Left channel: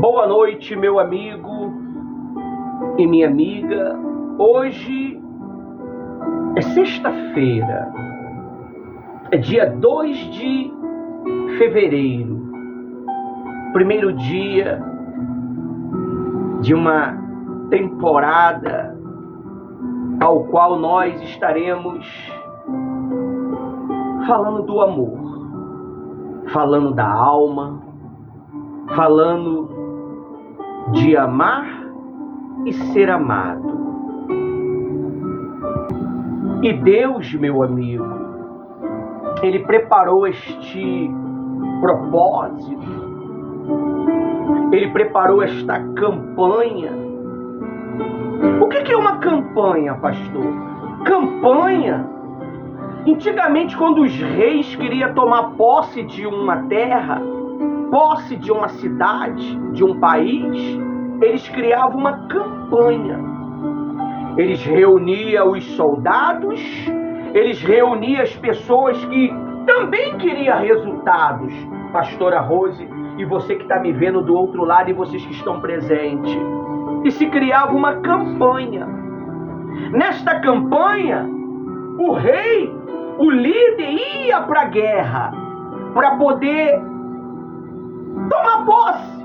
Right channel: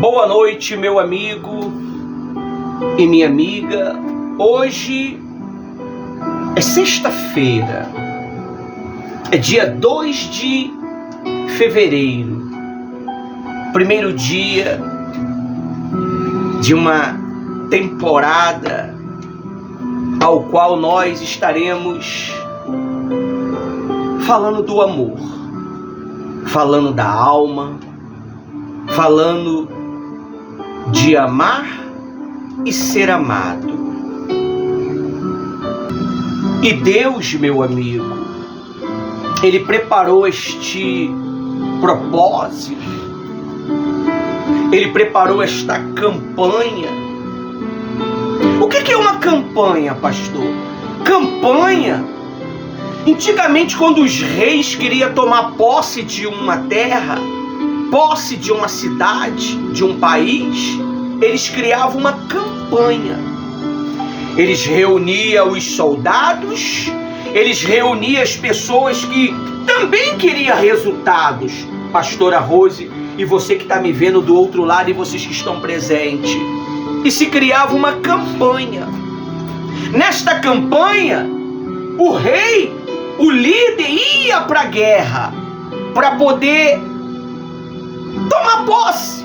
Boa noite, meu amigo e minha amiga. Hoje é sexta-feira, é dia 2 de fevereiro, primeiro dia de uma temporada ao qual nós estaremos falando do amor, falando da alma, falando de amar e ser amado. E Deus, meu amigo, Ele preparou este propósito, Ele preparou esta campanha. O que é uma campanha, pastor? Campanha, antigamente, quando os reis queriam tomar posse de uma terra, posse de uma cidade, de um país, eles criavam uma campanha. Eles reuniam os soldados, eles reuniam as pessoas que também queriam resultados. Pastora Rose, e você que está me vendo do outro lado e vocês que estão presentes. E se criava uma campanha. Nesta campanha, o rei, o líder, ia para a guerra para poder tomar posse,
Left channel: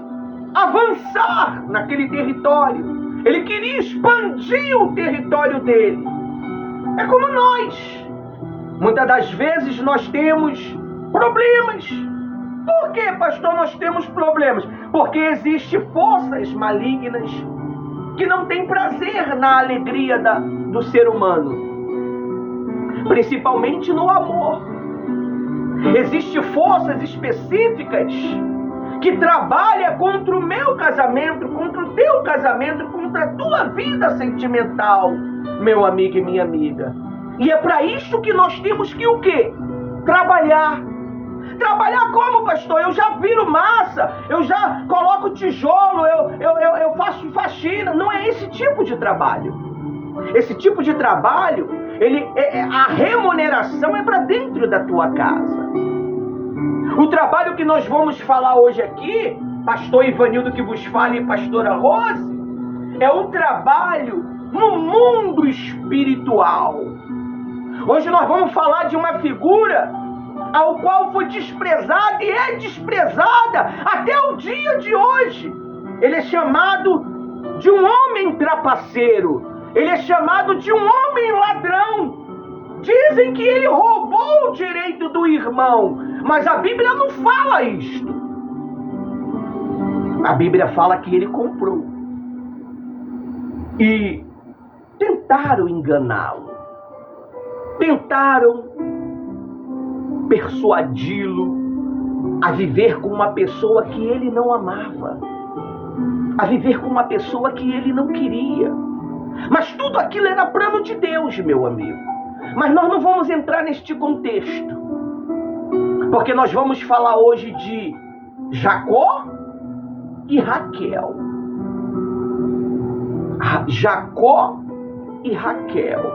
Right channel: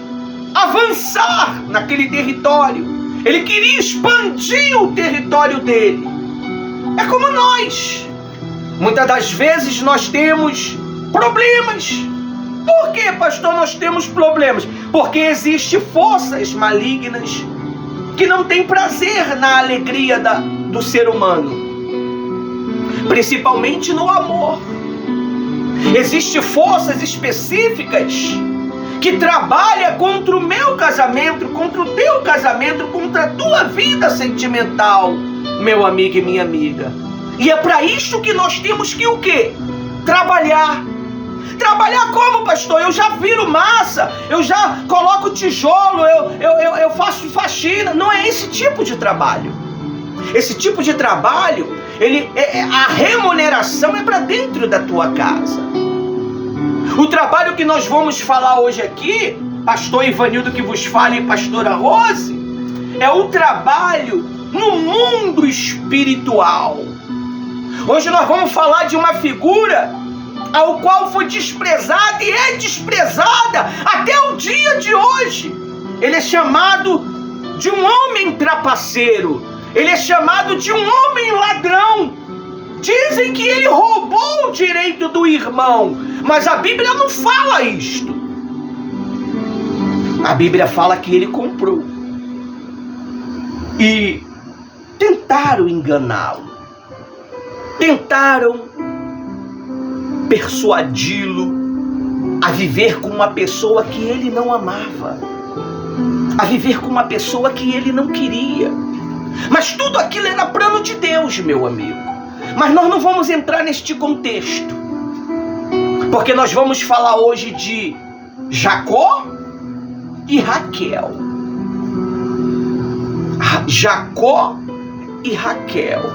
avançar naquele território. Ele queria expandir o território dele. É como nós. Muitas das vezes nós temos problemas. Por que, pastor, nós temos problemas? Porque existem forças malignas que não têm prazer na alegria do ser humano, principalmente no amor. Existem forças específicas que trabalham contra o meu casamento, contra o teu casamento, contra a tua vida sentimental, meu amigo e minha amiga. E é para isso que nós temos que o quê? Trabalhar. Trabalhar como, pastor? Eu já viro massa, eu já coloco tijolo, eu faço faxina. Não é esse tipo de trabalho. Esse tipo de trabalho, a remuneração é para dentro da tua casa. O trabalho que nós vamos falar hoje aqui, pastor Ivanildo que vos fala e pastora Rose, é o trabalho no mundo espiritual. Hoje nós vamos falar de uma figura ao qual foi desprezada e é desprezada até o dia de hoje. Ele é chamado de um homem trapaceiro, ele é chamado de um homem ladrão. Dizem que ele roubou o direito do irmão, mas a Bíblia não fala isto. A Bíblia fala que ele comprou. E tentaram enganá-lo. Tentaram persuadi-lo a viver com uma pessoa que ele não amava. A viver com uma pessoa que ele não queria. Mas tudo aquilo era plano de Deus, meu amigo. Mas nós não vamos entrar neste contexto, porque nós vamos falar hoje de Jacó e Raquel. Jacó e Raquel.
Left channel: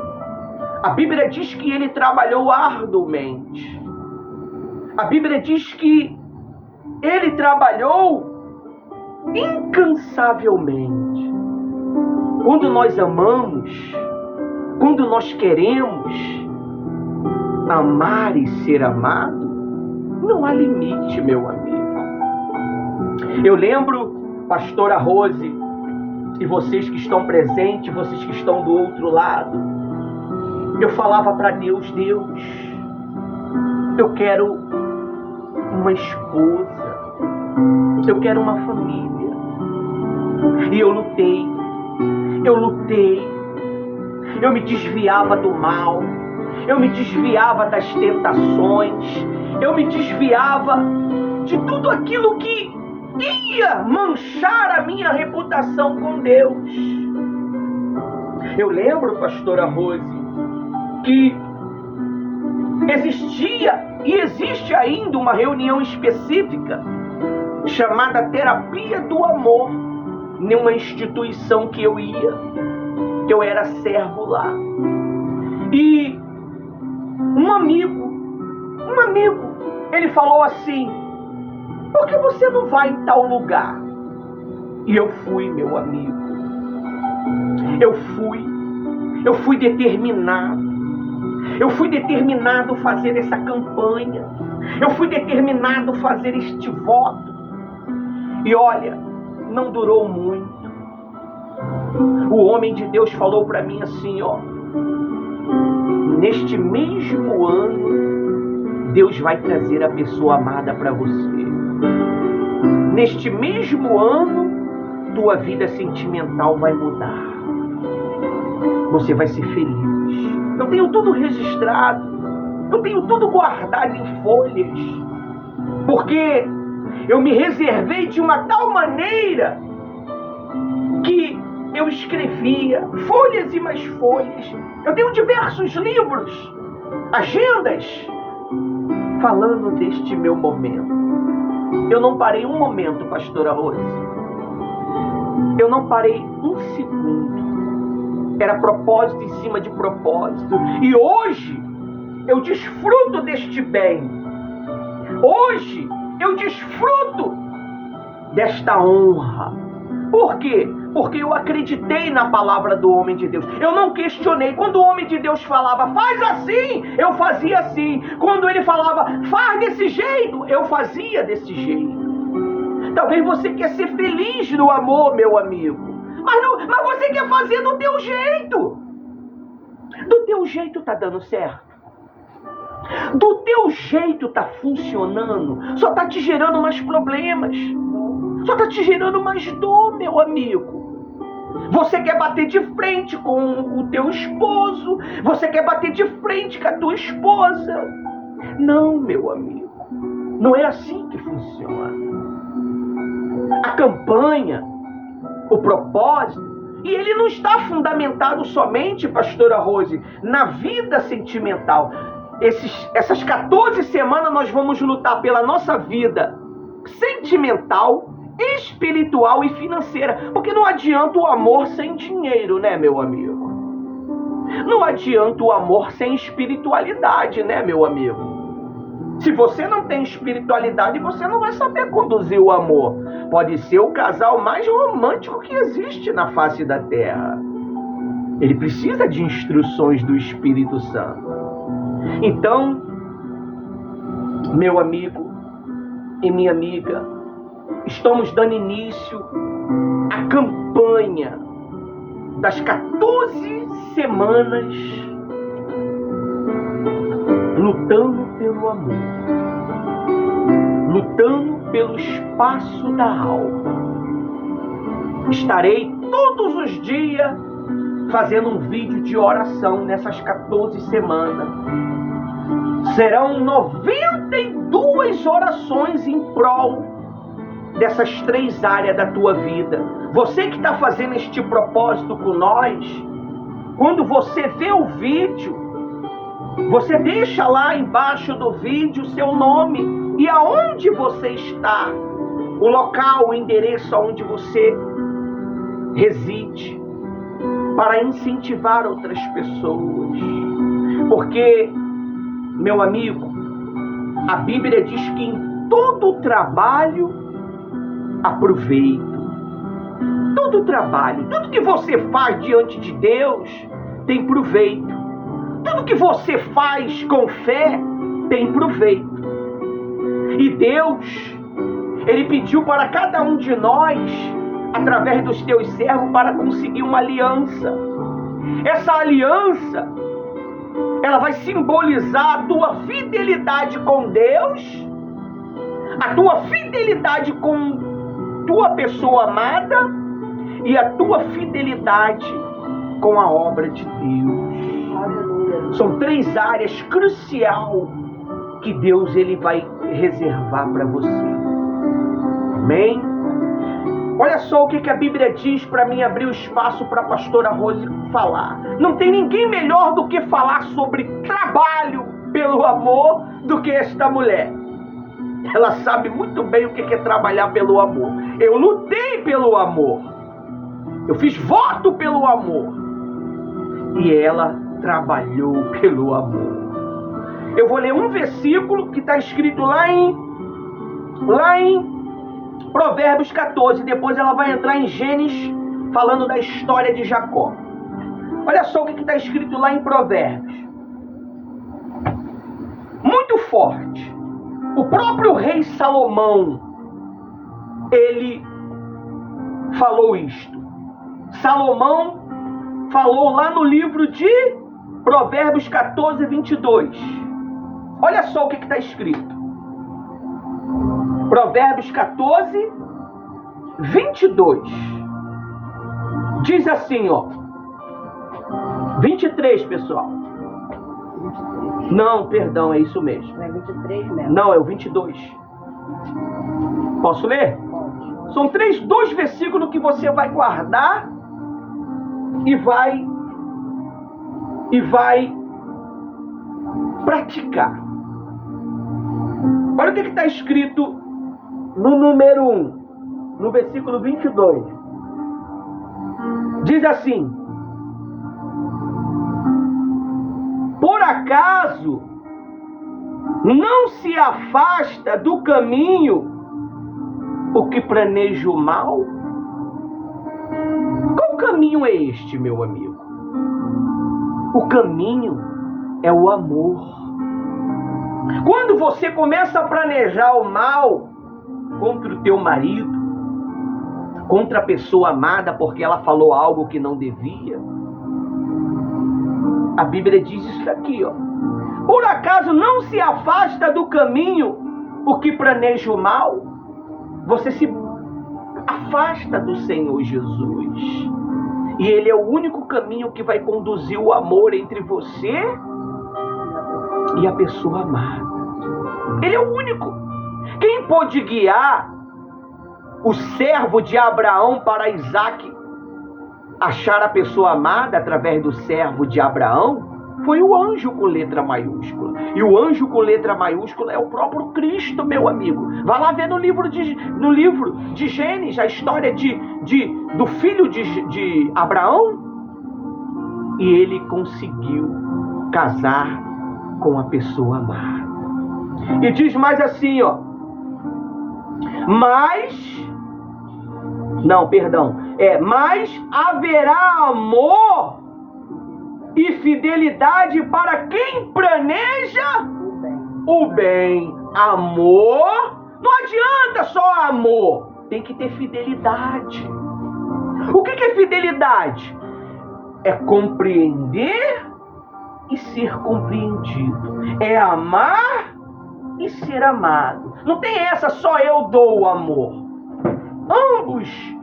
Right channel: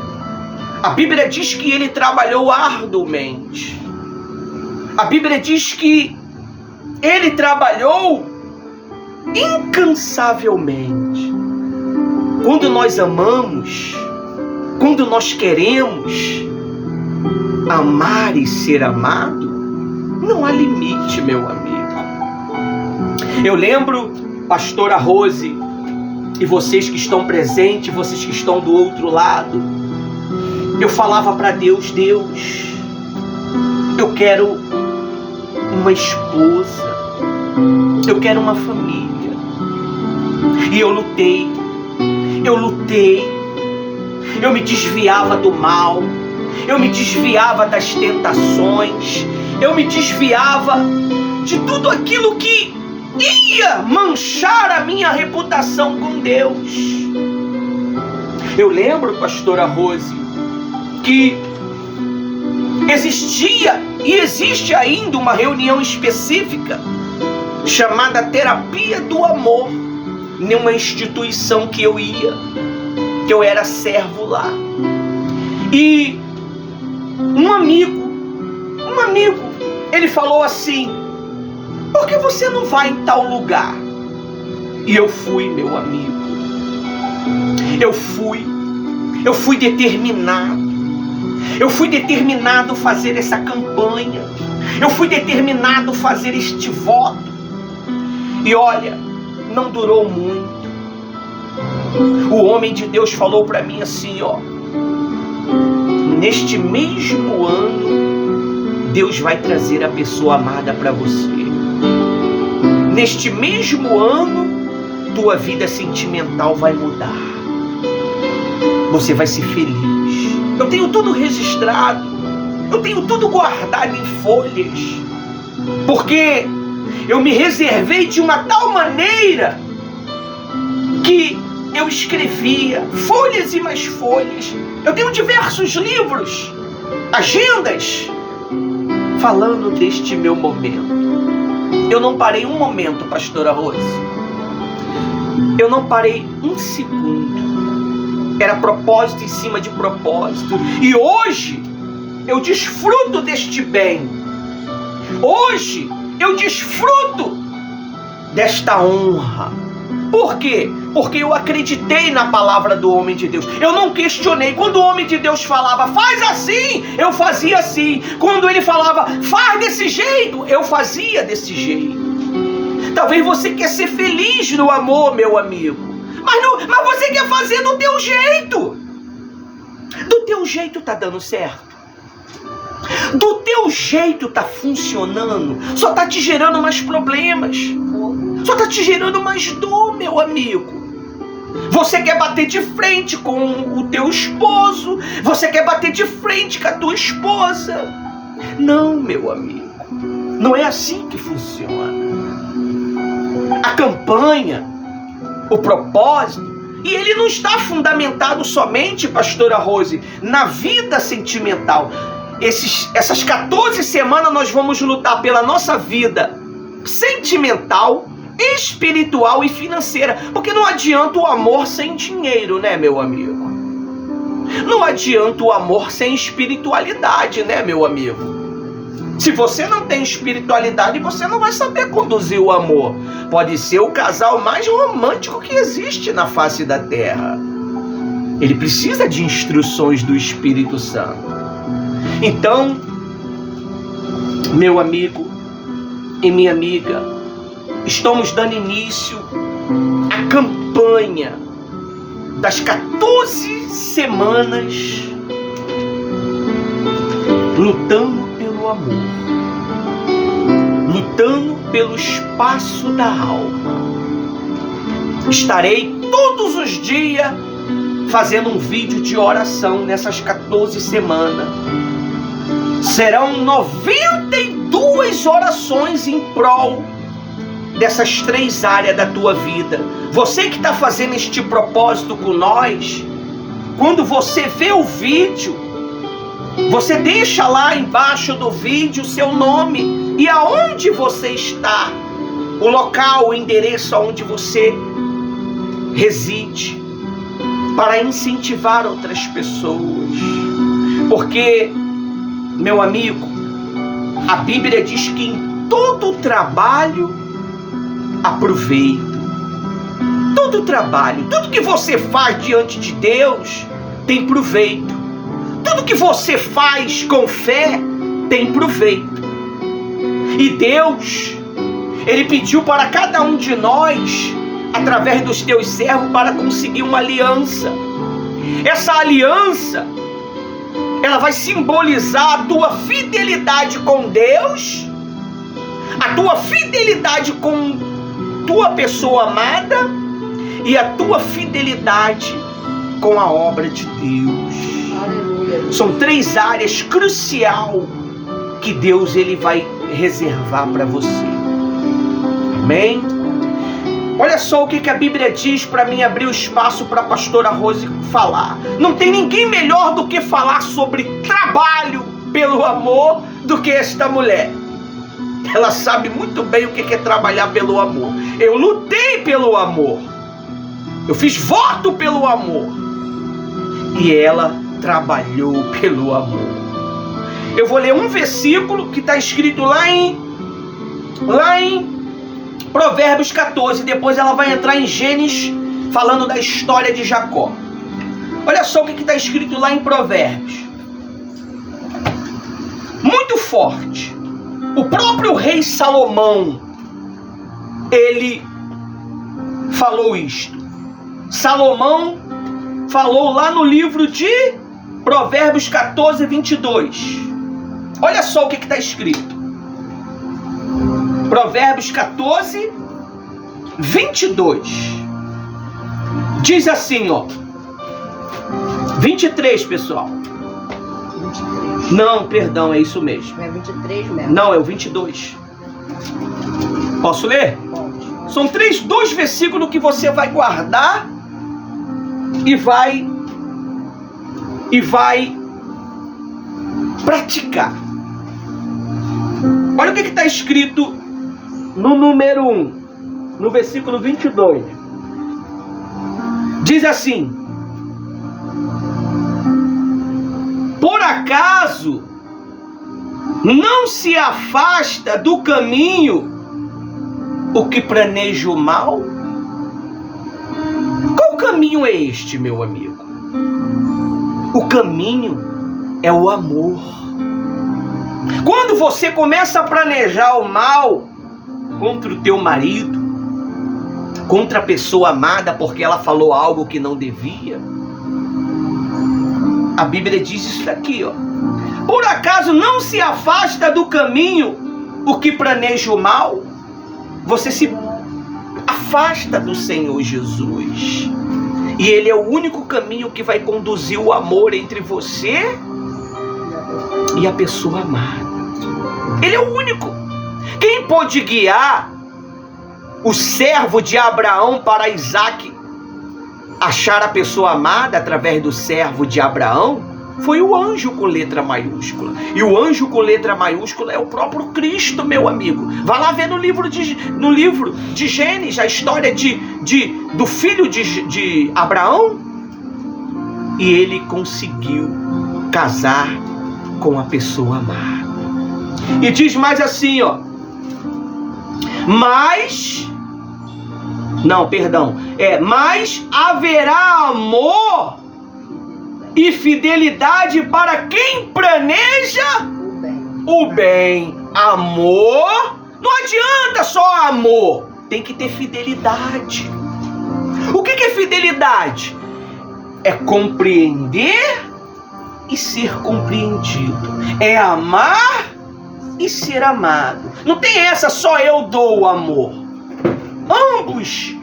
A Bíblia diz que ele trabalhou arduamente. A Bíblia diz que ele trabalhou incansavelmente. Quando nós amamos, quando nós queremos amar e ser amado, não há limite, meu amigo. Eu lembro, pastora Rose, e vocês que estão presentes, vocês que estão do outro lado, eu falava para Deus, Deus, eu quero uma esposa, eu quero uma família. E eu lutei, eu me desviava do mal, eu me desviava das tentações, eu me desviava de tudo aquilo que ia manchar a minha reputação com Deus. Eu lembro, pastora Rose, que existia e existe ainda uma reunião específica chamada Terapia do Amor, numa instituição que eu ia, que eu era servo lá. E um amigo, ele falou assim: por que você não vai em tal lugar? E eu fui, meu amigo. Eu fui determinado. Eu fui determinado a fazer essa campanha. Eu fui determinado a fazer este voto. E olha, não durou muito. O homem de Deus falou para mim assim, ó: neste mesmo ano, Deus vai trazer a pessoa amada para você. Neste mesmo ano, tua vida sentimental vai mudar. Você vai ser feliz. Eu tenho tudo registrado. Eu tenho tudo guardado em folhas. Porque eu me reservei de uma tal maneira que eu escrevia folhas e mais folhas. Eu tenho diversos livros, agendas, falando deste meu momento. Eu não parei um momento, pastora Rose. Eu não parei um segundo. Era propósito em cima de propósito. E hoje eu desfruto deste bem. Hoje eu desfruto desta honra. Por quê? Porque eu acreditei na palavra do homem de Deus. Eu não questionei. Quando o homem de Deus falava, faz assim, eu fazia assim. Quando ele falava, faz desse jeito, eu fazia desse jeito. Talvez você quer ser feliz no amor, meu amigo. Mas você quer fazer do teu jeito. Do teu jeito tá dando certo. Do teu jeito tá funcionando. Só tá te gerando mais problemas. Só tá te gerando mais dor, meu amigo. Você quer bater de frente com o teu esposo. Você quer bater de frente com a tua esposa. Não, meu amigo. Não é assim que funciona. A campanha, o propósito, e ele não está fundamentado somente, pastora Rose, na vida sentimental. Essas 14 semanas nós vamos lutar pela nossa vida sentimental, espiritual e financeira. Porque não adianta o amor sem dinheiro, né, meu amigo? Não adianta o amor sem espiritualidade, né, meu amigo? Se você não tem espiritualidade, você não vai saber conduzir o amor. Pode ser o casal mais romântico que existe na face da terra. Ele precisa de instruções do Espírito Santo. Então, meu amigo e minha amiga, estamos dando início à campanha das 14 semanas lutando pelo amor, lutando pelo espaço da alma. Estarei todos os dias fazendo um vídeo de oração nessas 14 semanas. Serão 92 orações em prol dessas 3 áreas da tua vida. Você que está fazendo este propósito com nós, quando você vê o vídeo, você deixa lá embaixo do vídeo o seu nome e aonde você está, o local, o endereço aonde você reside, para incentivar outras pessoas. Porque, meu amigo, a Bíblia diz que em todo trabalho há proveito. Todo trabalho, tudo que você faz diante de Deus tem proveito. Tudo que você faz com fé tem proveito. E Deus, Ele pediu para cada um de nós, através dos teus servos, para conseguir uma aliança. Essa aliança, ela vai simbolizar a tua fidelidade com Deus, a tua fidelidade com tua pessoa amada e a tua fidelidade com a obra de Deus. Aleluia. São 3 áreas cruciais que Deus ele vai reservar para você. Amém? Olha só o que a Bíblia diz para mim abrir o espaço para a pastora Rose falar. Não tem ninguém melhor do que falar sobre trabalho pelo amor do que esta mulher. Ela sabe muito bem o que é trabalhar pelo amor. Eu lutei pelo amor. Eu fiz voto pelo amor. E ela trabalhou pelo amor. Eu vou ler um versículo que está escrito lá em Provérbios 14, depois ela vai entrar em Gênesis, falando da história de Jacó. Olha só o que está escrito lá em Provérbios. Muito forte. O próprio rei Salomão, ele falou isto. Salomão falou lá no livro de Provérbios 14, 22. Olha só o que está escrito. Provérbios 14, 22. Diz assim, ó. 23, pessoal. 23. Não, perdão, é isso mesmo. É 23 mesmo? Não, é o 22. Posso ler? Pode. São dois versículos que você vai guardar e vai praticar. Olha o que está escrito no número 1, no versículo 22. Diz assim: por acaso não se afasta do caminho o que planeja o mal? Qual caminho é este, meu amigo? O caminho é o amor. Quando você começa a planejar o mal contra o teu marido, contra a pessoa amada porque ela falou algo que não devia, a Bíblia diz isso aqui, ó. Por acaso não se afasta do caminho o que planeja o mal? Você se afasta do Senhor Jesus. E Ele é o único caminho que vai conduzir o amor entre você e a pessoa amada. Ele é o único. Quem pôde guiar o servo de Abraão para Isaac achar a pessoa amada através do servo de Abraão foi o anjo com letra maiúscula. E o anjo com letra maiúscula é o próprio Cristo, meu amigo. Vá lá ver no livro de Gênesis a história do filho de Abraão. E ele conseguiu casar com a pessoa amada. E diz mais assim, ó. Mas haverá amor e fidelidade para quem planeja o bem. Amor, não adianta só amor, tem que ter fidelidade. O que é fidelidade? É compreender e ser compreendido. É amar e ser amado. Não tem essa, só eu dou o amor. Ambos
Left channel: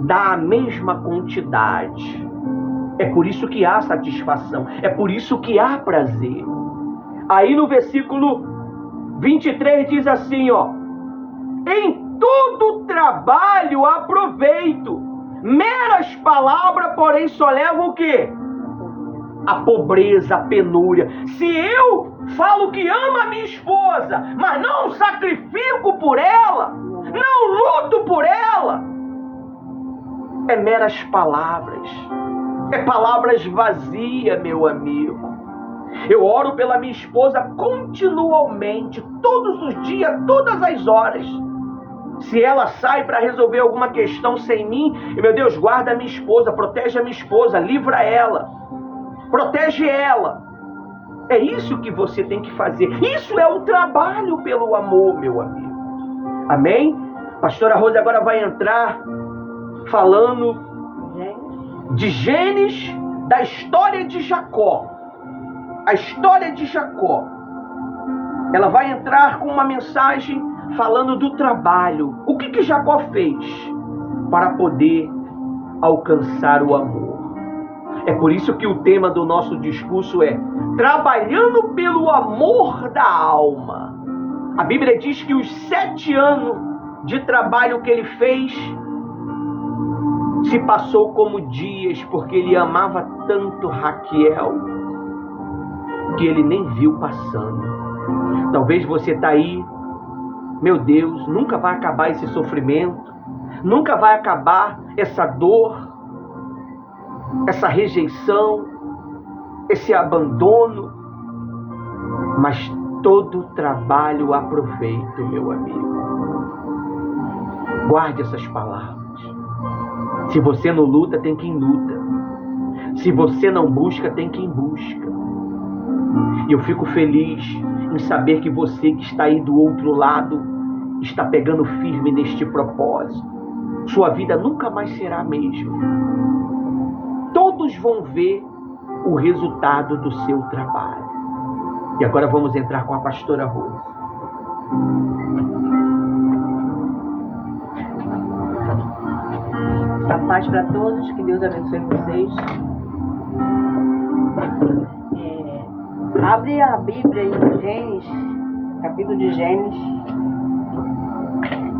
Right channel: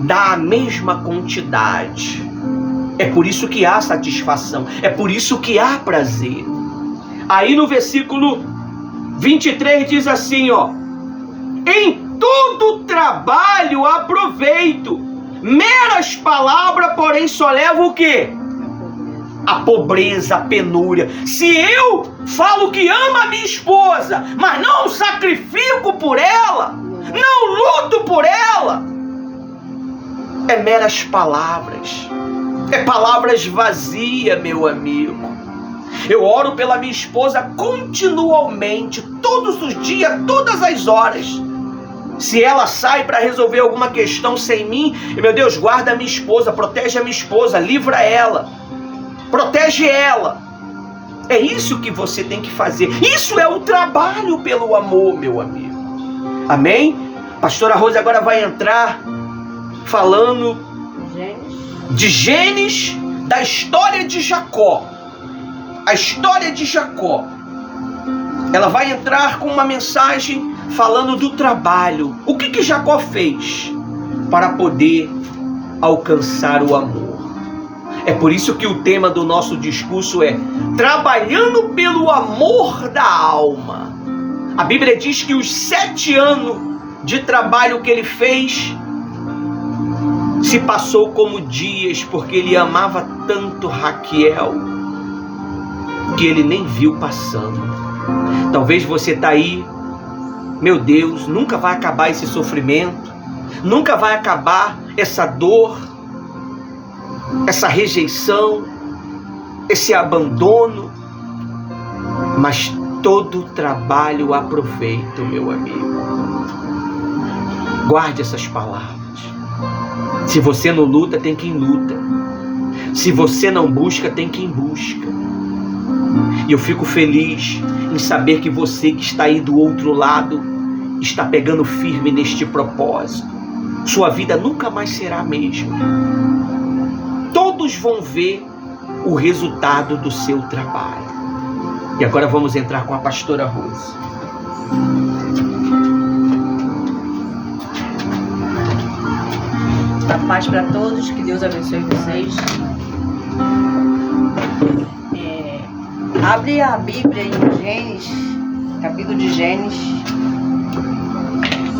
dá a mesma quantidade. É por isso que há satisfação. É por isso que há prazer. Aí no versículo 23 diz assim, ó. Em todo trabalho há proveito. Meras palavras, porém, só levam o quê? A pobreza, a penúria. Se eu falo que amo a minha esposa, mas não sacrifico por ela, não luto por ela, é meras palavras. É palavras vazias, meu amigo. Eu oro pela minha esposa continuamente, todos os dias, todas as horas. Se ela sai para resolver alguma questão sem mim, meu Deus, guarda a minha esposa, protege a minha esposa, livra ela, protege ela. É isso que você tem que fazer. Isso é o trabalho pelo amor, meu amigo. Amém? Pastora Rose agora vai entrar falando de Gênesis, da história de Jacó. A história de Jacó. Ela vai entrar com uma mensagem falando do trabalho. O que Jacó fez para poder alcançar o amor? É por isso que o tema do nosso discurso é trabalhando pelo amor da alma. A Bíblia diz que os 7 anos de trabalho que ele fez se passou como dias, porque ele amava tanto Raquel que ele nem viu passando. Talvez você está aí, meu Deus, nunca vai acabar esse sofrimento, nunca vai acabar essa dor, essa rejeição, esse abandono, mas todo trabalho há proveito, meu amigo. Guarde essas palavras. Se você não luta, tem quem luta. Se você não busca, tem quem busca. E eu fico feliz em saber que você que está aí do outro lado está pegando firme neste propósito. Sua vida nunca mais será a mesma. Todos vão ver o resultado do seu trabalho. E agora vamos entrar com a pastora Rose. A paz para todos, que Deus abençoe vocês. Abre a Bíblia em Gênesis, capítulo de Gênesis.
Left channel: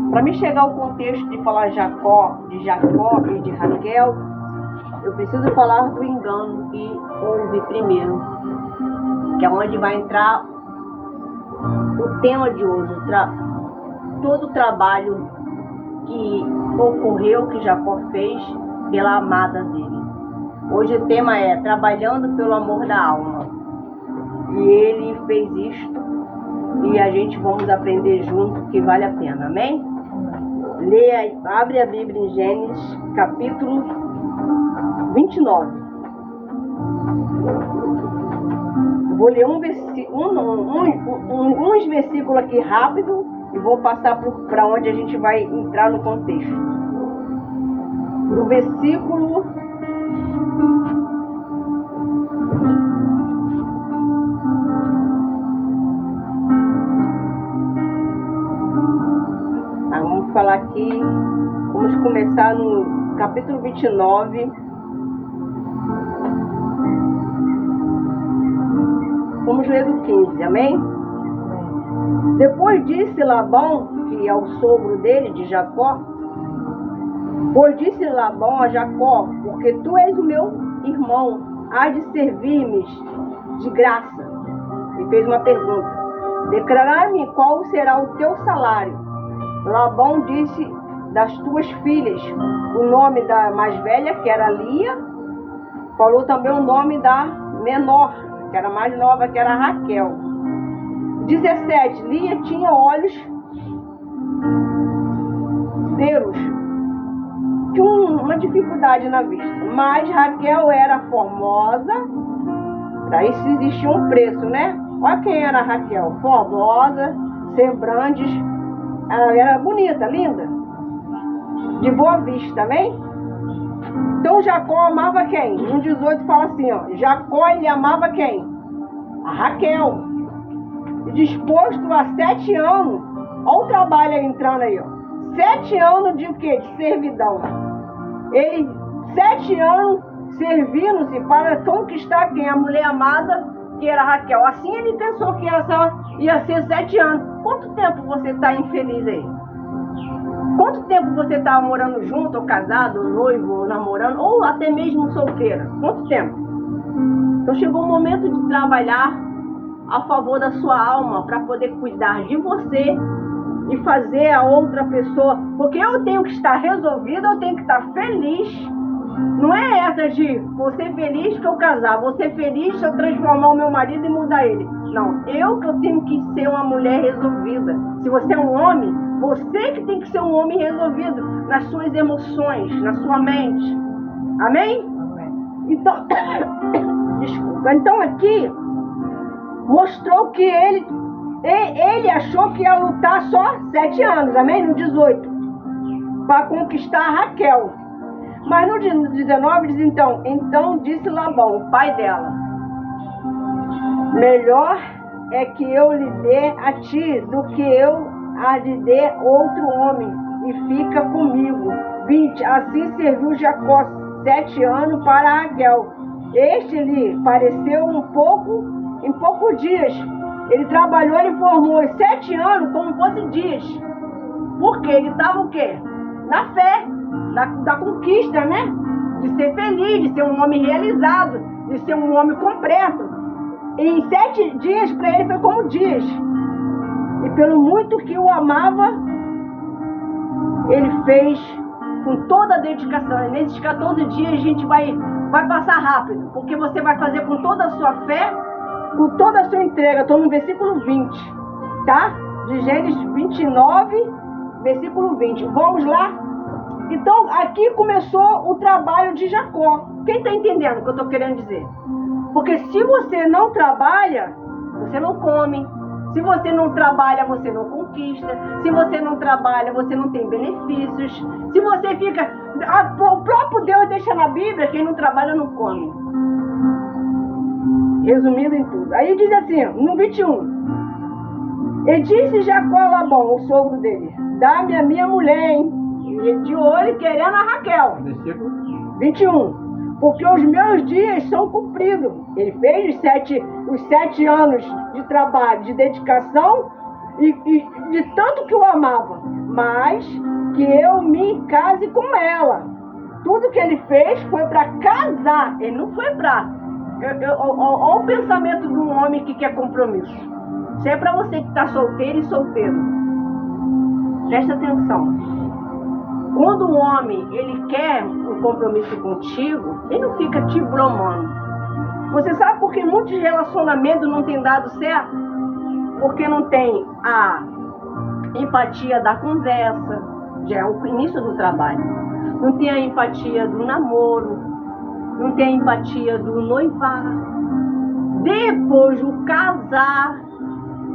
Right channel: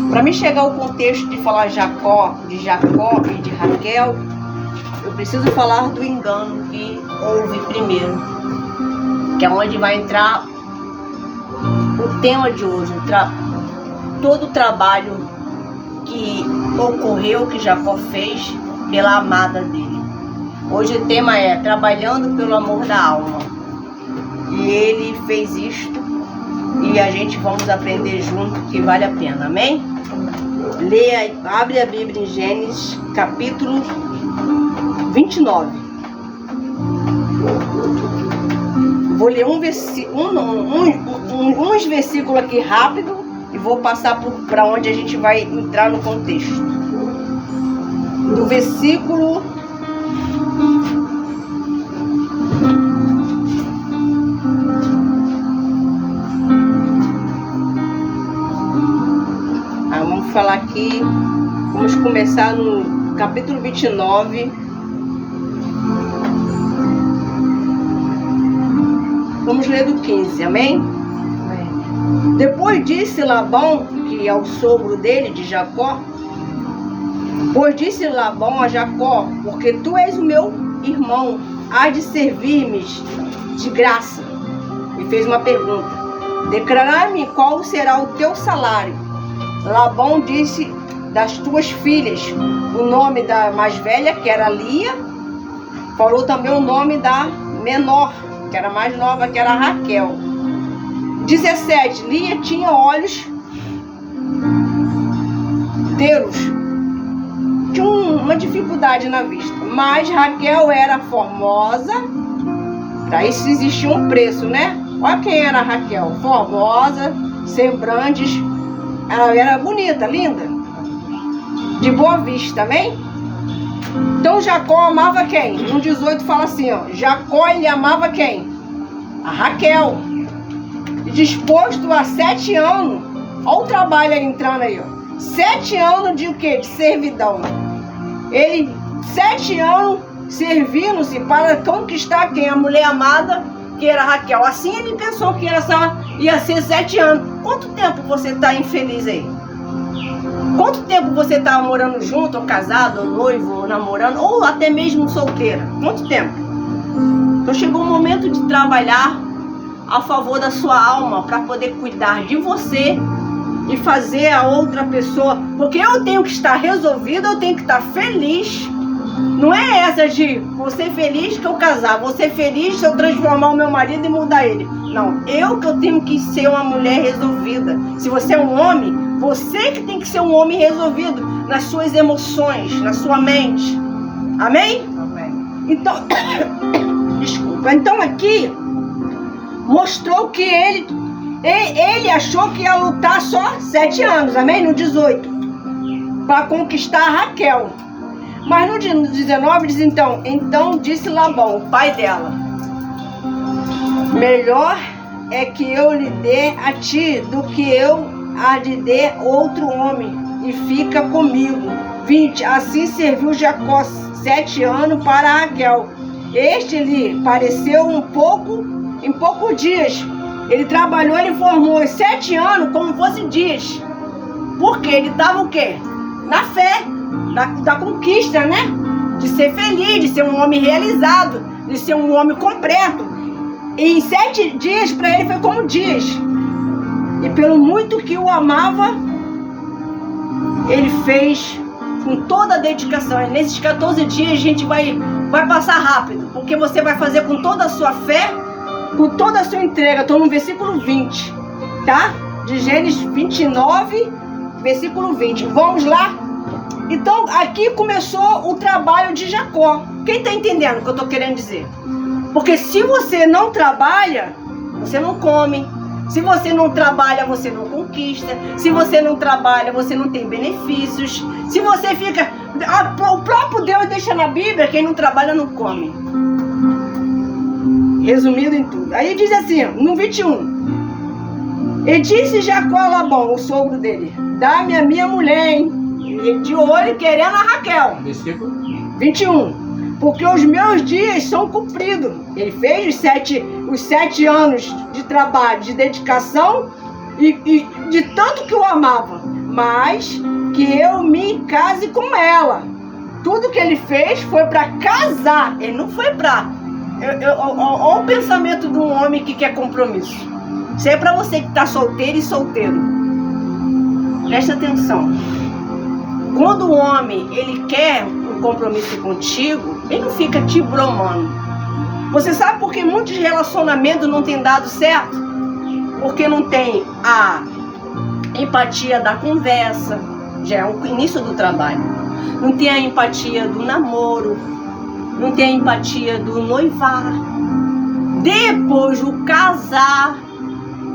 Para mim chegar ao contexto de falar de Jacó e de Raquel, eu preciso falar do engano que houve primeiro, que é onde vai entrar o tema de hoje, todo o trabalho que ocorreu, que Jacó fez pela amada dele. Hoje o tema é trabalhando pelo amor da alma. E ele fez isto e a gente vamos aprender junto que vale a pena, amém? Leia, abre a Bíblia em Gênesis, capítulo 29. Vou ler uns versículos aqui rápido e vou passar para onde a gente vai entrar no contexto. Do versículo 1. Vamos falar aqui, vamos começar no capítulo 29. Vamos ler do 15, amém? Depois disse Labão, que é o sogro dele, de Jacó, pois disse Labão a Jacó, porque tu és o meu irmão, há de servir-me de graça. Me fez uma pergunta: declarar-me qual será o teu salário. Labão disse das tuas filhas o nome da mais velha, que era Lia, falou também o nome da menor, que era mais nova, que era Raquel. 17. Lia tinha olhos teros, tinha uma dificuldade na vista, mas Raquel era formosa. Para isso existia um preço, né? Olha quem era Raquel: formosa, sembrantes, ela era bonita, linda, de boa vista, amém? Então Jacó amava quem? No 18 fala assim, ó, Jacó ele amava quem? A Raquel. Disposto a 7 anos, olha o trabalho aí entrando aí, ó. 7 anos de o quê? De servidão. Ele, 7 anos servindo-se para conquistar quem? A mulher amada, que era Raquel. Assim ele pensou que ia ser 7 anos. Quanto tempo você está infeliz aí? Quanto tempo você está morando junto, ou casado, ou noivo, ou namorando, ou até mesmo solteira? Quanto tempo? Então chegou o momento de trabalhar a favor da sua alma, para poder cuidar de você e fazer a outra pessoa, porque eu tenho que estar resolvida, eu tenho que estar feliz. Não é essa de vou ser feliz que eu casar, vou ser feliz se eu transformar o meu marido e mudar ele. Não, eu tenho que ser uma mulher resolvida. Se você é um homem, você que tem que ser um homem resolvido nas suas emoções, na sua mente. Amém? Amém. Então, desculpa. Então aqui mostrou que ele achou que ia lutar só 7 anos, amém? No 18, para conquistar a Raquel. Mas no 19 diz então disse Labão, o pai dela: melhor é que eu lhe dê a ti do que eu a lhe dê outro homem, e fica comigo. 20, assim serviu Jacó 7 anos para Raquel. Este lhe pareceu em poucos dias. Ele trabalhou, ele formou 7 anos como fossem dias. Porque ele estava o quê? Na fé, da conquista, né? De ser feliz, de ser um homem realizado, de ser um homem completo. E em 7 dias para ele foi como dias. E pelo muito que o amava, ele fez com toda a dedicação. E nesses 14 dias a gente vai passar rápido, porque você vai fazer com toda a sua fé, com toda a sua entrega. Estou no versículo 20, tá? De Gênesis 29, versículo 20. Vamos lá? Então, aqui começou o trabalho de Jacó. Quem está entendendo o que eu estou querendo dizer? Porque se você não trabalha, você não come. Se você não trabalha, você não conquista. Se você não trabalha, você não tem benefícios. Se você fica... O próprio Deus deixa na Bíblia, quem não trabalha não come. Resumido em tudo. Aí diz assim, no 21. E disse Jacó a Labão, o sogro dele, dá-me a minha mulher, hein? E de olho querendo a Raquel. Versículo 21. Porque os meus dias são cumpridos. Ele fez os 7 anos de trabalho, de dedicação e de tanto que eu amava. Mas que eu me case com ela. Tudo que ele fez foi para casar. Ele não foi para... Olha o pensamento de um homem que quer compromisso. Isso é para você que está solteiro e solteiro. Presta atenção. Quando o homem ele quer um compromisso contigo, ele não fica te bromando. Você sabe por que muitos relacionamentos não têm dado certo? Porque não tem a empatia da conversa, já é o início do trabalho. Não tem a empatia do namoro, não tem a empatia do noivar. Depois do casar,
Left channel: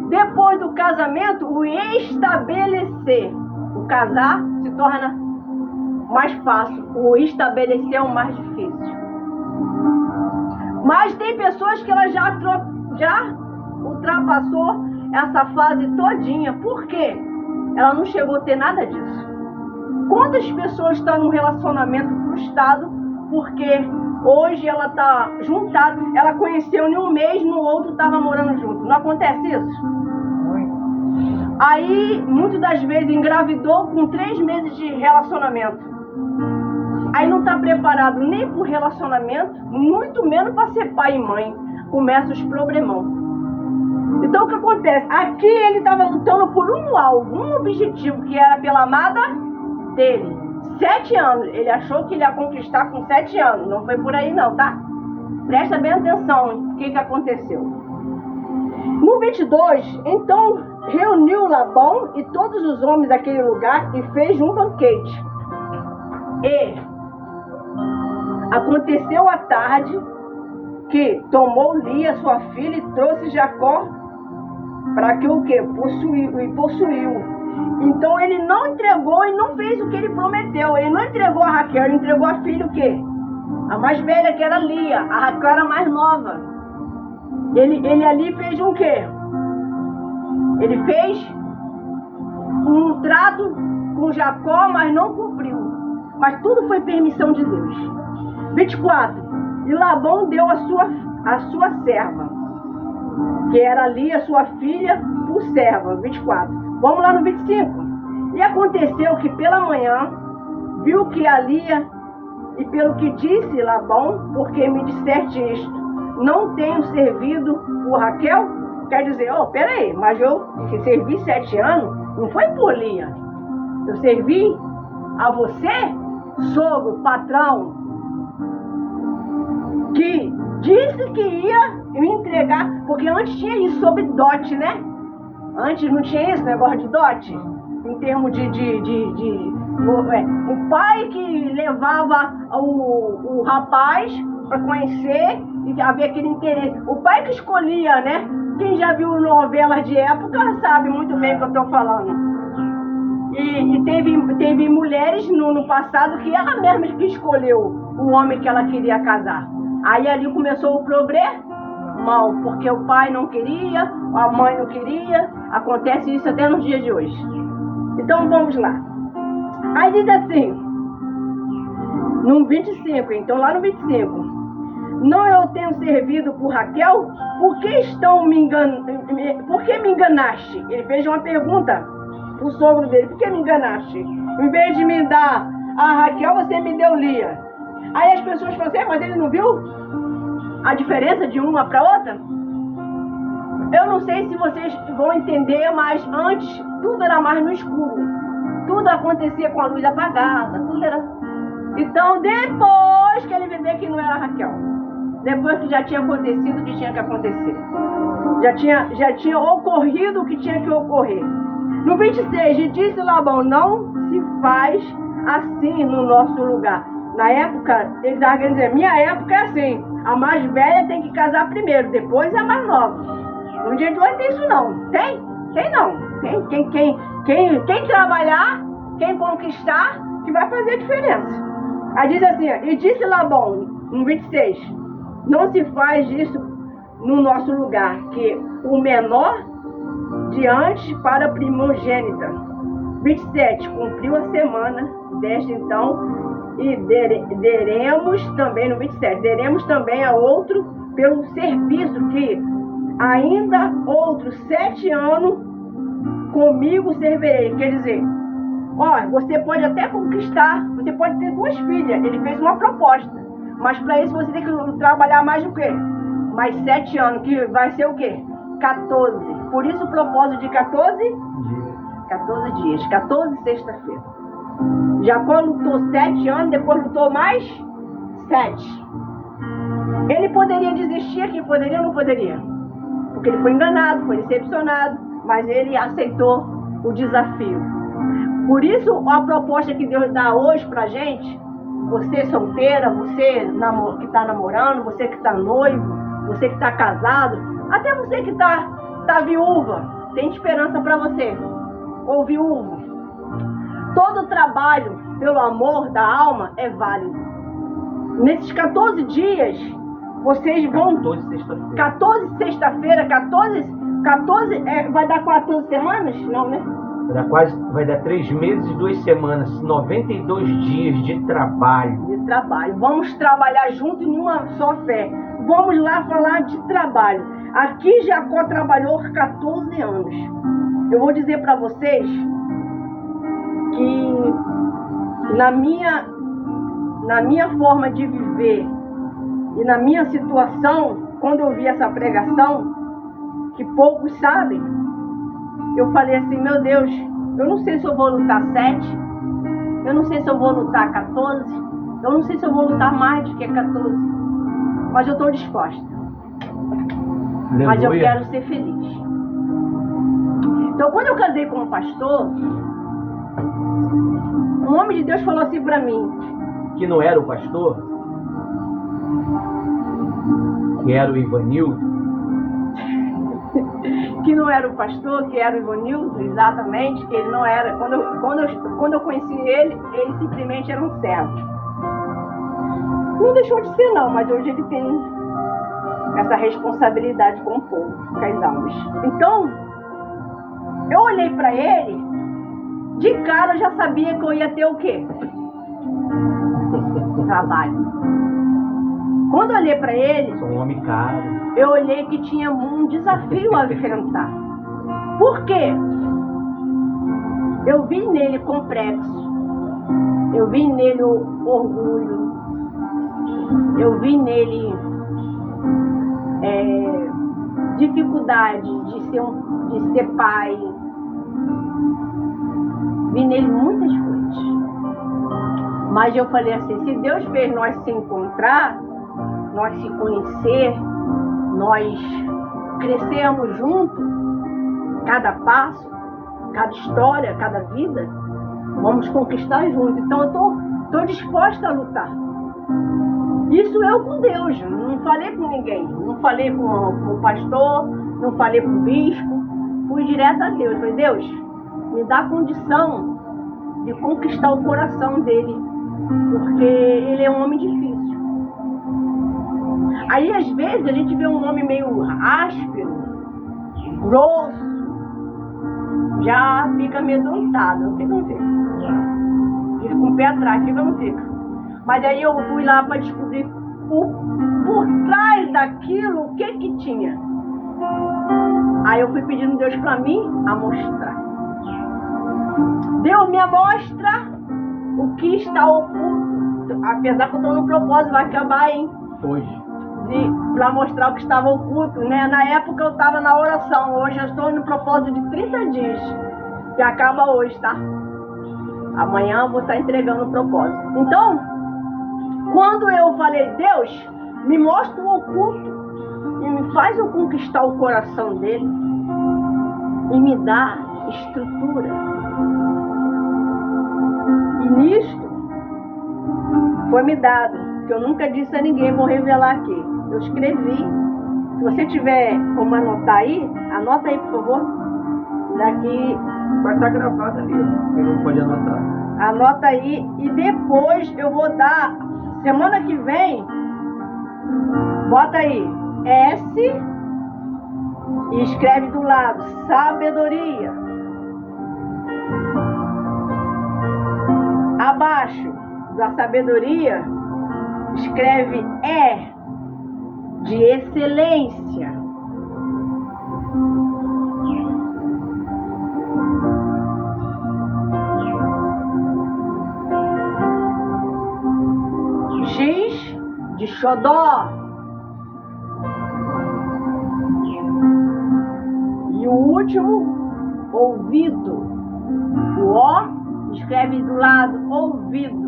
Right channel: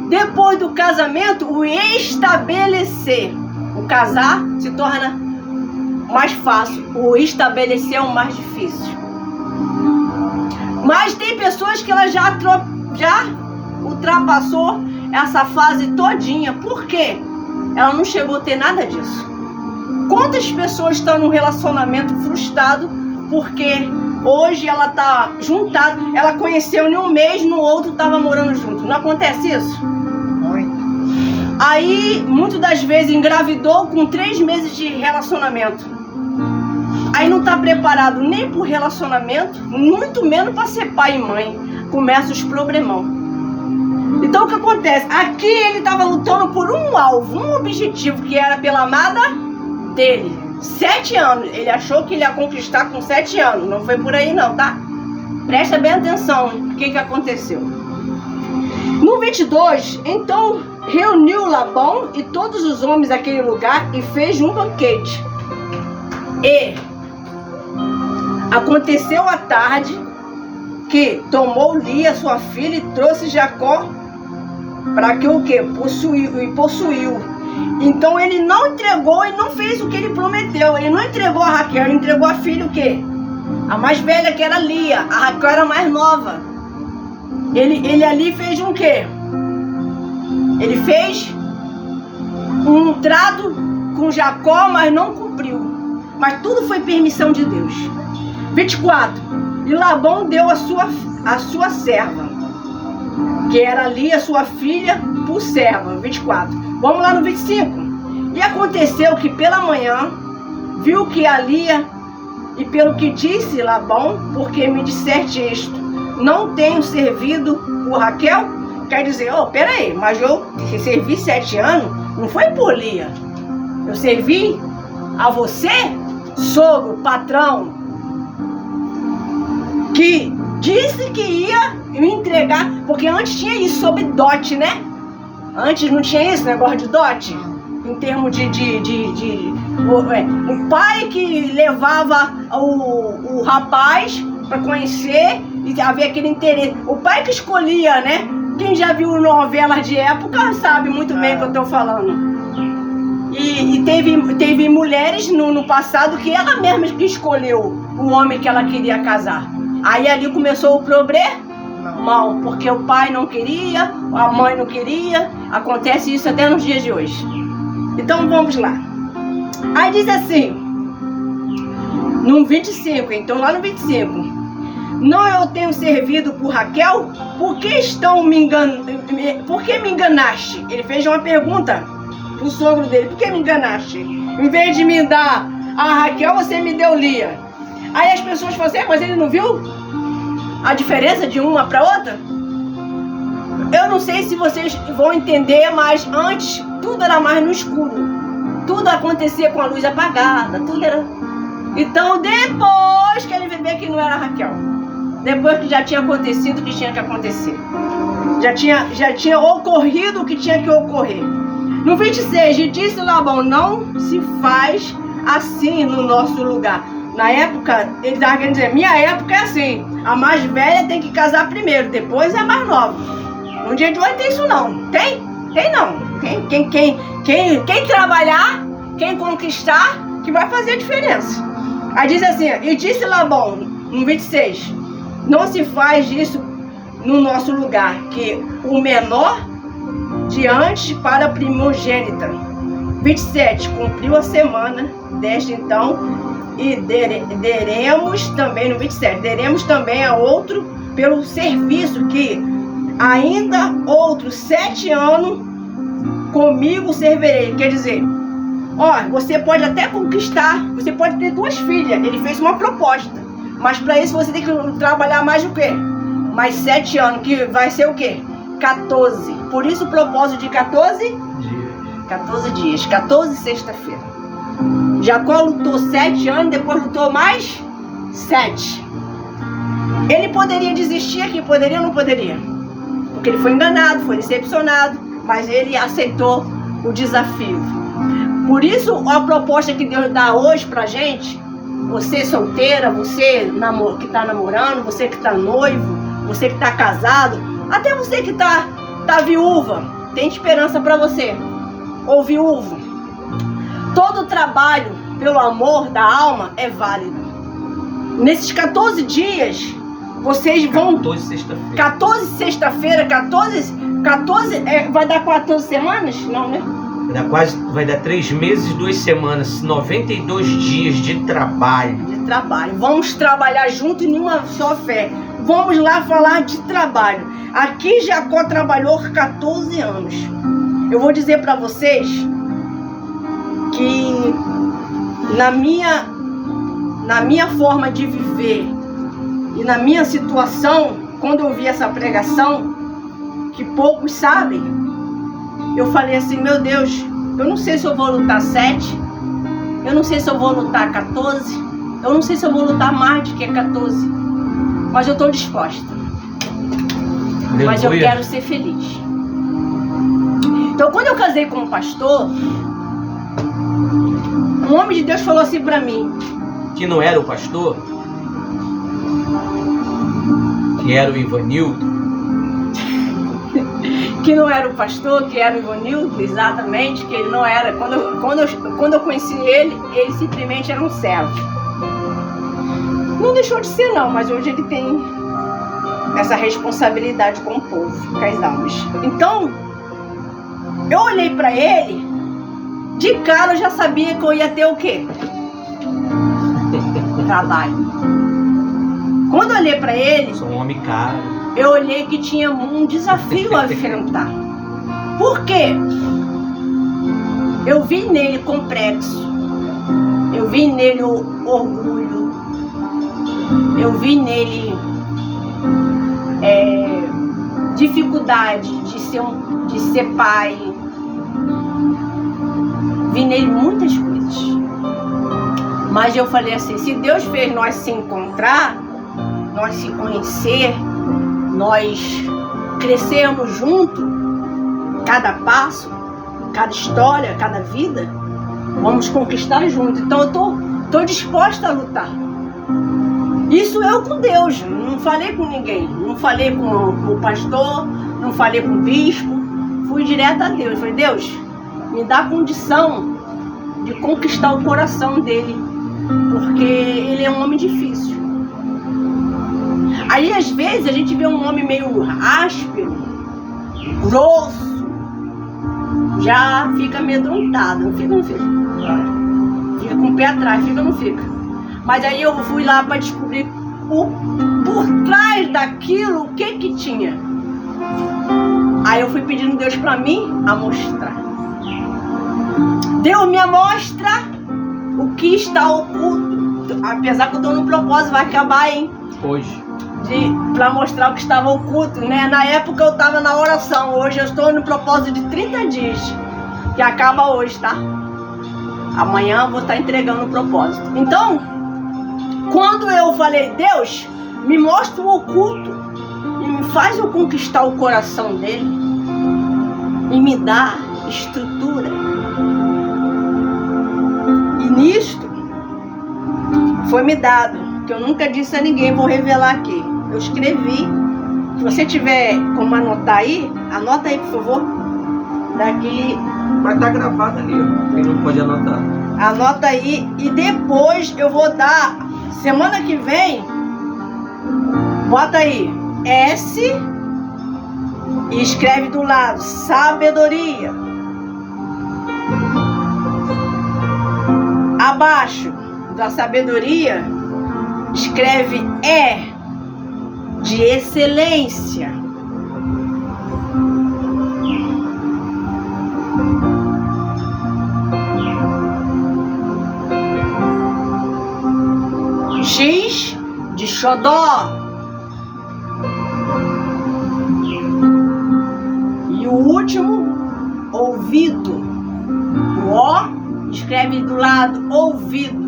depois do casamento, o estabelecer. O casar se torna mais fácil, o estabelecer é o mais difícil. Mas tem pessoas que ela já ultrapassou essa fase todinha. Por quê? Ela não chegou a ter nada disso. Quantas pessoas estão num relacionamento frustrado porque hoje ela está juntada, ela conheceu em um mês, no outro estava morando junto. Não acontece isso? Aí, muitas das vezes, engravidou com 3 meses de relacionamento. Aí não está preparado nem para o relacionamento, muito menos para ser pai e mãe. Começa os problemão. Então o que acontece? Aqui ele estava lutando por um alvo, um objetivo, que era pela amada dele. 7 anos. Ele achou que ele ia conquistar com 7 anos. Não foi por aí não, tá? Presta bem atenção o que aconteceu. No 22, então reuniu Labão e todos os homens daquele lugar e fez um banquete. E aconteceu à tarde que tomou Lia, sua filha, e trouxe Jacó para que o quê? Possuiu. Então ele não entregou e não fez o que ele prometeu. Ele não entregou a Raquel, ele entregou a filha o quê? A mais velha, que era Lia. A Raquel era a mais nova. Ele ali fez um quê? Ele fez um trato com Jacó, mas não cumpriu. Mas tudo foi permissão de Deus. 24. E Labão deu a sua serva, que era Lia, sua filha, por serva. 24. Vamos lá no 25. E aconteceu que pela manhã viu que a Lia, e pelo que disse Labão, porque me disseste isto, não tenho servido por Raquel? Quer dizer, peraí, mas eu servi 7 anos, não foi por Lia. Eu servi a você, sogro, patrão, que disse que ia me entregar, porque antes tinha isso sobre dote, né? Antes não tinha esse negócio de dote, em termos o pai que levava o rapaz para conhecer e havia aquele interesse. O pai que escolhia, né? Quem já viu novelas de época sabe muito bem o que eu estou falando. E teve mulheres no passado que ela mesma que escolheu o homem que ela queria casar. Aí ali começou o problema, porque o pai não queria, a mãe não queria. Acontece isso até nos dias de hoje. Então vamos lá. Aí diz assim, no 25, então lá no 25. Não eu tenho servido por Raquel? Por que me enganaste? Ele fez uma pergunta pro sogro dele. Por que me enganaste? Em vez de me dar a Raquel, você me deu Lia. Aí as pessoas falam assim, mas ele não viu a diferença de uma para outra? Eu não sei se vocês vão entender, mas antes tudo era mais no escuro. Tudo acontecia com a luz apagada, tudo era... Então depois que ele vê que não era Raquel, depois que já tinha acontecido o que tinha que acontecer, já tinha ocorrido o que tinha que ocorrer. No 26, e disse Labão, não se faz assim no nosso lugar. Na época, ele estava querendo dizer, minha época é assim, a mais velha tem que casar primeiro, depois é a mais nova. Um dia de hoje tem isso não, tem não. Quem trabalhar, quem conquistar, que vai fazer a diferença. Aí diz assim, e disse Labão, no 26, não se faz isso no nosso lugar, que o menor diante para a primogênita. 27, cumpriu a semana desta então, e deremos também, no 27, deremos também a outro pelo serviço que ainda outros 7 anos comigo servirei. Quer dizer, ó, você pode até conquistar, você pode ter 2 filhas. Ele fez uma proposta, mas para isso você tem que trabalhar mais o quê? Mais 7 anos, que vai ser o quê? 14. Por isso o propósito de 14 dias, 14 sexta-feira. Jacó lutou 7 anos, depois lutou mais 7. Ele poderia desistir aqui, poderia ou não poderia? Porque ele foi enganado, foi decepcionado, mas ele aceitou o desafio. Por isso, a proposta que Deus dá hoje pra gente, você solteira, você que tá namorando, você que tá noivo, você que tá casado, até você que tá viúva, tem esperança pra você. Ou viúvo. Todo trabalho pelo amor da alma é válido. Nesses 14 dias, vocês vão... 14 sexta-feira, 14 vai dar 14 semanas? Não, né? Vai dar 3 meses e 2 semanas, 92 dias de trabalho. Vamos trabalhar junto em uma só fé. Vamos lá falar de trabalho. Aqui Jacó trabalhou 14 anos. Eu vou dizer para vocês que na minha forma de viver e na minha situação, quando eu vi essa pregação, que poucos sabem, eu falei assim, meu Deus, eu não sei se eu vou lutar 7, eu não sei se eu vou lutar 14, eu não sei se eu vou lutar mais do que 14, mas eu estou disposta. Aleluia. Mas eu quero ser feliz. Então, quando eu casei com um pastor, um homem de Deus falou assim pra mim. Que não era o pastor? Que era o Ivanildo? Que não era o pastor, que era o Ivanildo, exatamente, que ele não era. Quando eu conheci ele simplesmente era um servo. Não deixou de ser não, mas hoje ele tem essa responsabilidade com o povo, com as almas. Então, eu olhei pra ele, de cara eu já sabia que eu ia ter o quê? Trabalho. Quando eu olhei pra ele, sou um homem caro. Eu olhei que tinha um desafio a enfrentar. Por quê? Eu vi nele complexo, eu vi nele o orgulho, eu vi nele dificuldade de ser pai, vi nele muitas coisas. Mas eu falei assim, se Deus fez nós se encontrar, nós se conhecer, nós crescermos junto, cada passo, cada história, cada vida, vamos conquistar junto. Então eu tô disposta a lutar. Isso eu com Deus, não falei com ninguém, não falei com o pastor, não falei com o bispo, fui direto a Deus. Falei, Deus, me dá condição de conquistar o coração dele, porque ele é um homem difícil. Aí às vezes a gente vê um homem meio áspero, grosso, já fica amedrontado, não fica? Fica com o pé atrás, fica ou não fica? Mas aí eu fui lá para descobrir por trás daquilo o que tinha. Aí eu fui pedindo Deus para mim a mostrar. Deus me mostra o que está oculto. Apesar que eu estou no propósito, vai acabar, hein? Hoje. Para mostrar o que estava oculto, né? Na época eu estava na oração, hoje eu estou no propósito de 30 dias, que acaba hoje, tá? Amanhã eu vou estar entregando o propósito. Então, quando eu falei, Deus, me mostra o oculto e me faz eu conquistar o coração dele e me dá estrutura. E nisto foi-me dado, que eu nunca disse a ninguém, vou revelar aqui. Eu escrevi. Se você tiver como anotar aí, anota aí, por favor. Daqui. Vai estar gravado ali, ó. Quem não pode anotar. Anota aí e depois eu vou dar. Semana que vem, bota aí S e escreve do lado sabedoria. Abaixo da sabedoria, escreve E de excelência. X de xodó. E o último, ouvido. O O escreve do lado, ouvido.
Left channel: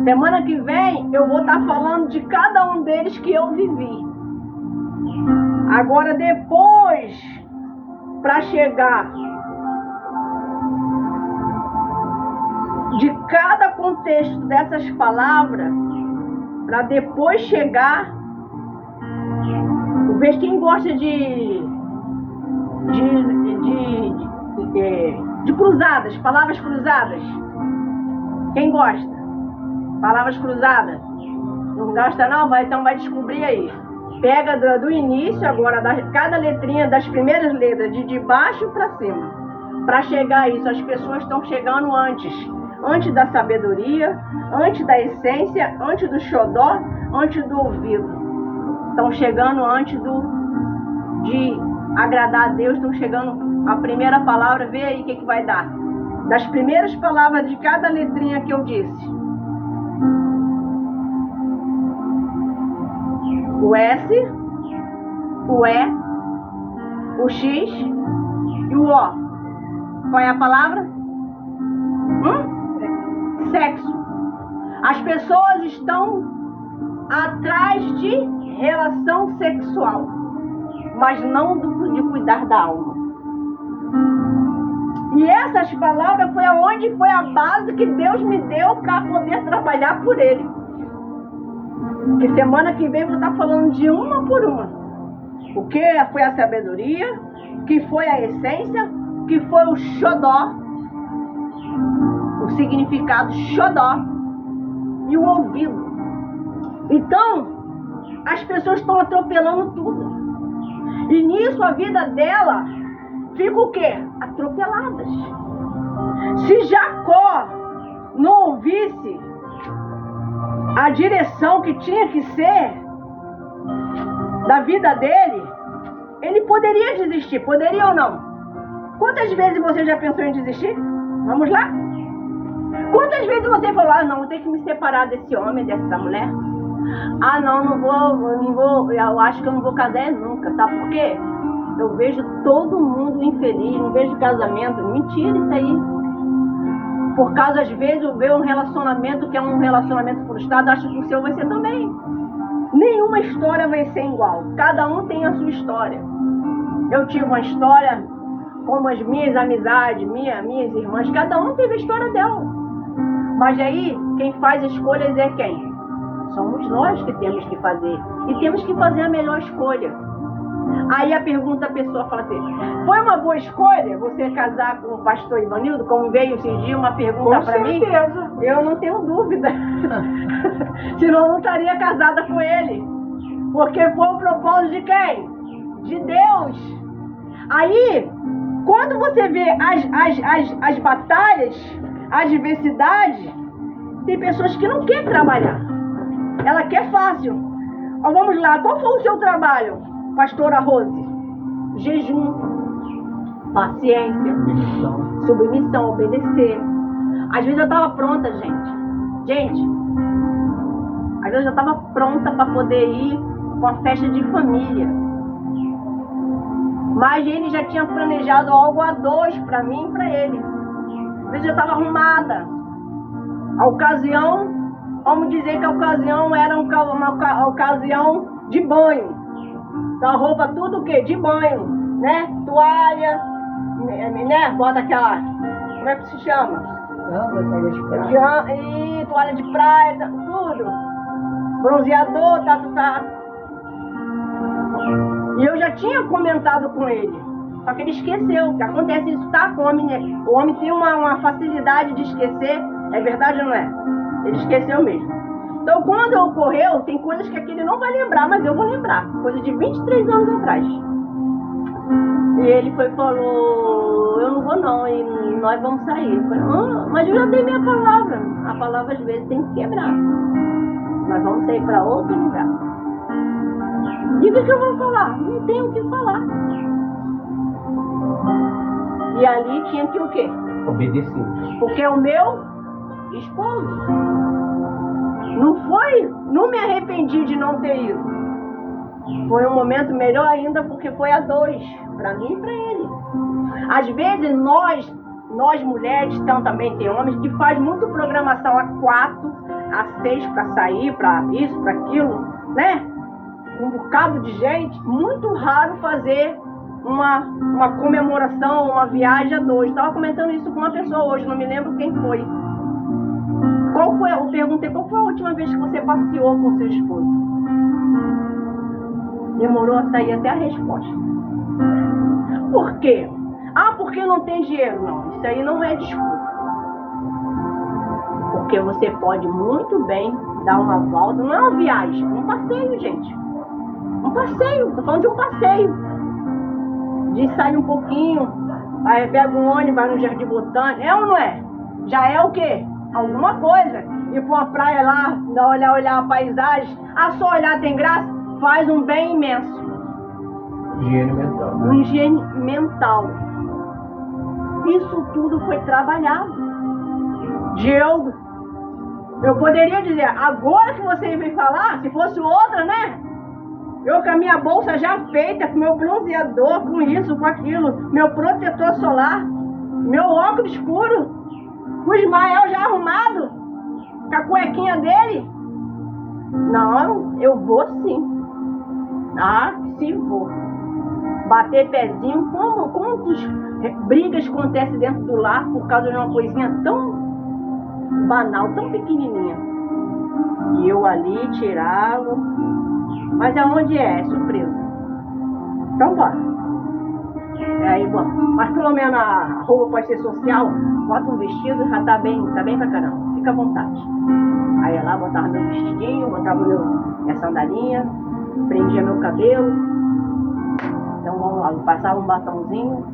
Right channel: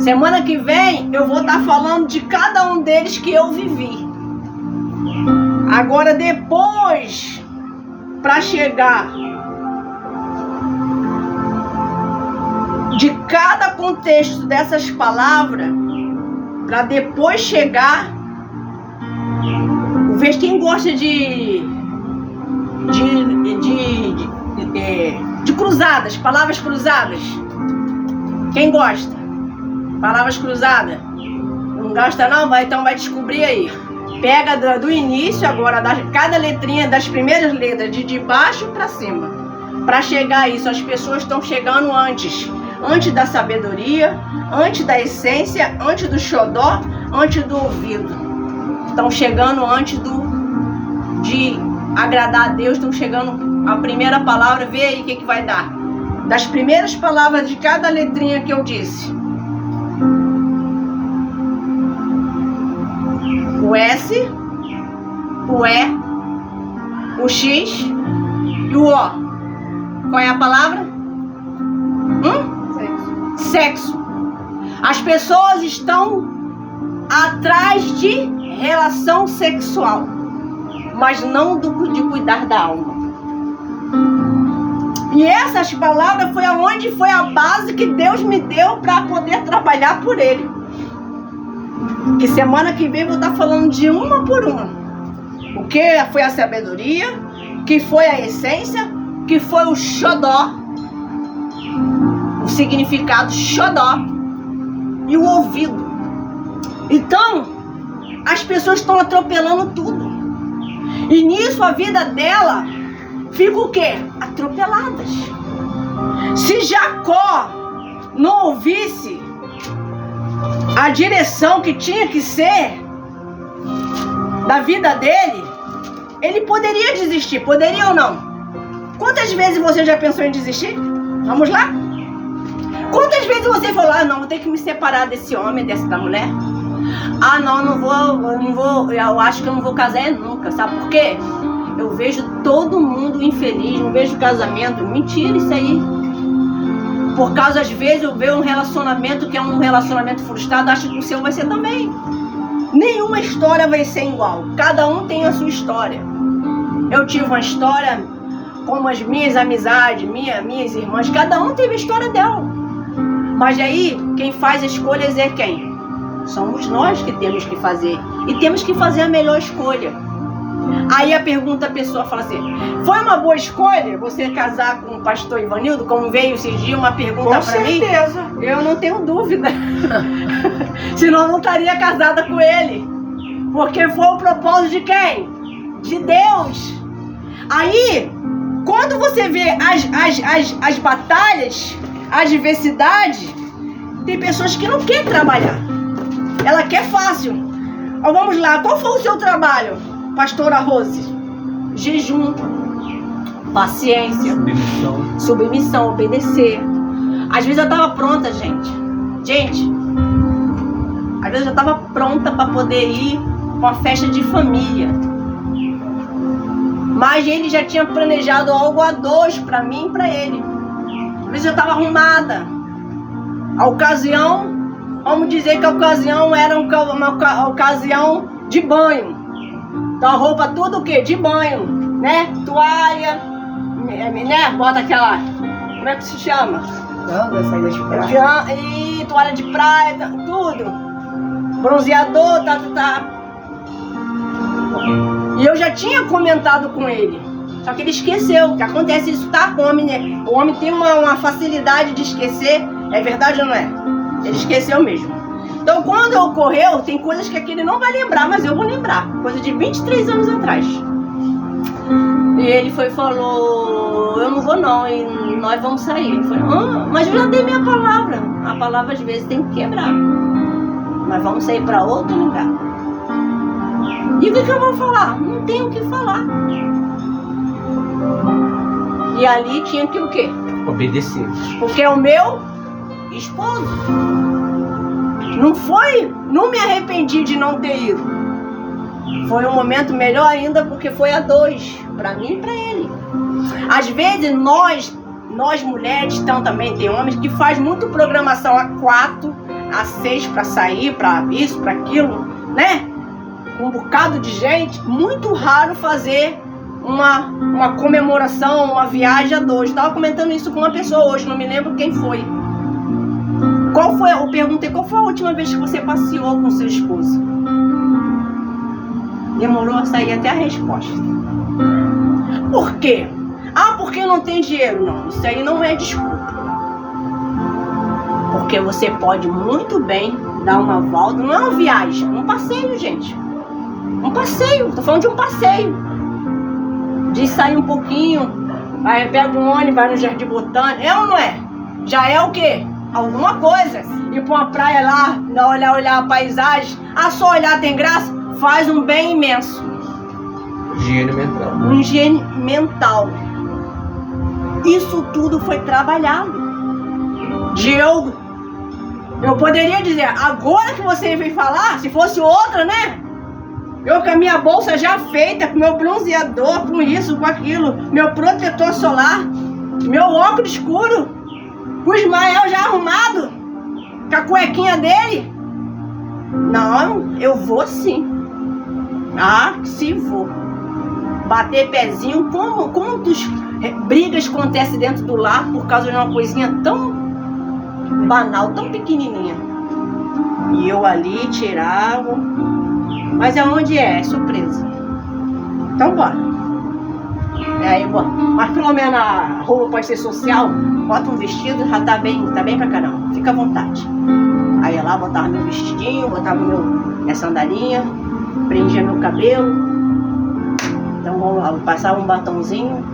Semana que vem eu vou estar falando de cada um deles que eu vivi. Agora depois, para chegar de cada contexto dessas palavras, para depois chegar, veja quem gosta de cruzadas, palavras cruzadas. Quem gosta? Palavras cruzadas? Não gosta não? Então vai descobrir aí. Pega do início agora, cada letrinha das primeiras letras, de baixo para cima. Para chegar a isso, as pessoas estão chegando antes da sabedoria, antes da essência, antes do xodó, antes do ouvido. Estão chegando antes de agradar a Deus, estão chegando a primeira palavra, vê aí o que vai dar. Das primeiras palavras de cada letrinha que eu disse. O S, o E, o X e o O. Qual é a palavra? Sexo. As pessoas estão atrás de relação sexual, mas não de cuidar da alma. E essas palavras foi a base que Deus me deu para poder trabalhar por Ele. Que semana que vem eu vou estar falando de uma por uma. O que foi a sabedoria, que foi a essência, que foi o xodó, o significado xodó e o ouvido. Então, as pessoas estão atropelando tudo. E nisso a vida dela fica o quê? Atropeladas. Se Jacó não ouvisse a direção que tinha que ser da vida dele, ele poderia desistir, poderia ou não? Quantas vezes você já pensou em desistir? Vamos lá? Quantas vezes você falou, não, vou ter que me separar desse homem, da mulher? Não vou, eu acho que eu não vou casar nunca, sabe por quê? Eu vejo todo mundo infeliz, não vejo casamento. Mentira isso aí. Por causa, às vezes, eu vejo um relacionamento que é um relacionamento frustrado, acho que o seu vai ser também. Nenhuma história vai ser igual. Cada um tem a sua história. Eu tive uma história como as minhas amizades, minhas irmãs, cada um teve a história dela. Mas aí, quem faz escolhas é quem? Somos nós que temos que fazer. E temos que fazer a melhor escolha. Aí a pessoa fala assim, foi uma boa escolha você casar com o pastor Ivanildo? Como veio esses dias uma pergunta para mim. Com certeza. Eu não tenho dúvida. Senão eu não estaria casada com ele. Porque foi o propósito de quem? De Deus. Aí, quando você vê as batalhas, as diversidades, tem pessoas que não querem trabalhar. Ela quer fácil. Vamos lá, qual foi o seu trabalho, pastora Rose? Jejum, paciência, submissão, obedecer. Às vezes eu estava pronta, gente. Às vezes eu estava pronta para poder ir para uma festa de família. Mas ele já tinha planejado algo a dois para mim e para ele. Às vezes eu estava arrumada. A ocasião, vamos dizer que a ocasião era uma ocasião de banho. Então a roupa tudo o quê? De banho, né? Toalha, né? Bota aquela, como é que se chama? Saída de praia. E toalha de praia, tudo. Bronzeador, tá. E eu já tinha comentado com ele. Só que ele esqueceu. Que acontece isso, tá? Com o homem, né? O homem tem uma facilidade de esquecer. É verdade ou não é? Ele esqueceu mesmo. Então, quando ocorreu, tem coisas que ele não vai lembrar, mas eu vou lembrar. Coisa de 23 anos atrás. E ele falou, eu não vou não, e nós vamos sair. Ele falou, mas eu já dei minha palavra. A palavra às vezes tem que quebrar. Nós vamos sair para outro lugar. E o que eu vou falar? Não tenho o que falar. E ali tinha que o quê? Obedecer. Porque é o meu esposo. Não me arrependi de não ter ido. Foi um momento melhor ainda porque foi a dois, para mim e para ele. Às vezes nós mulheres, então também tem homens que faz muito programação a 4, a 6 para sair, para isso, para aquilo, né? Um bocado de gente, muito raro fazer uma comemoração, uma viagem a 2. Estava comentando isso com uma pessoa hoje, não me lembro quem foi. Eu perguntei, qual foi a última vez que você passeou com seu esposo? Demorou a sair até a resposta. Por quê? Porque não tem dinheiro. Não, isso aí não é desculpa. Porque você pode muito bem dar uma volta. Não é uma viagem, um passeio, gente. Um passeio, tô falando de um passeio. De sair um pouquinho, aí pega um ônibus, vai no Jardim Botânico. É ou não é? Já é o quê? Alguma coisa. Ir pra uma praia lá, olhar a paisagem. Só olhar tem graça? Faz um bem imenso. Higiene mental. Higiene mental. Isso tudo foi trabalhado. Eu poderia dizer, agora que você veio falar, se fosse outra, né? Eu com a minha bolsa já feita, com meu bronzeador, com isso, com aquilo, meu protetor solar, meu óculos escuro, com o Ismael já arrumado, com a cuequinha dele. Não, eu vou sim. Se vou. Bater pezinho, quantas brigas acontecem dentro do lar por causa de uma coisinha tão banal, tão pequenininha. E eu ali tirava. Mas aonde é? É surpresa. Então bora. Aí, bora. Mas pelo menos a roupa pode ser social. Bota um vestido, já tá bem pra caramba. Fica à vontade. Aí ia lá, botava meu vestidinho, botava minha sandalinha, prendia meu cabelo. Então vamos lá, passava um batonzinho.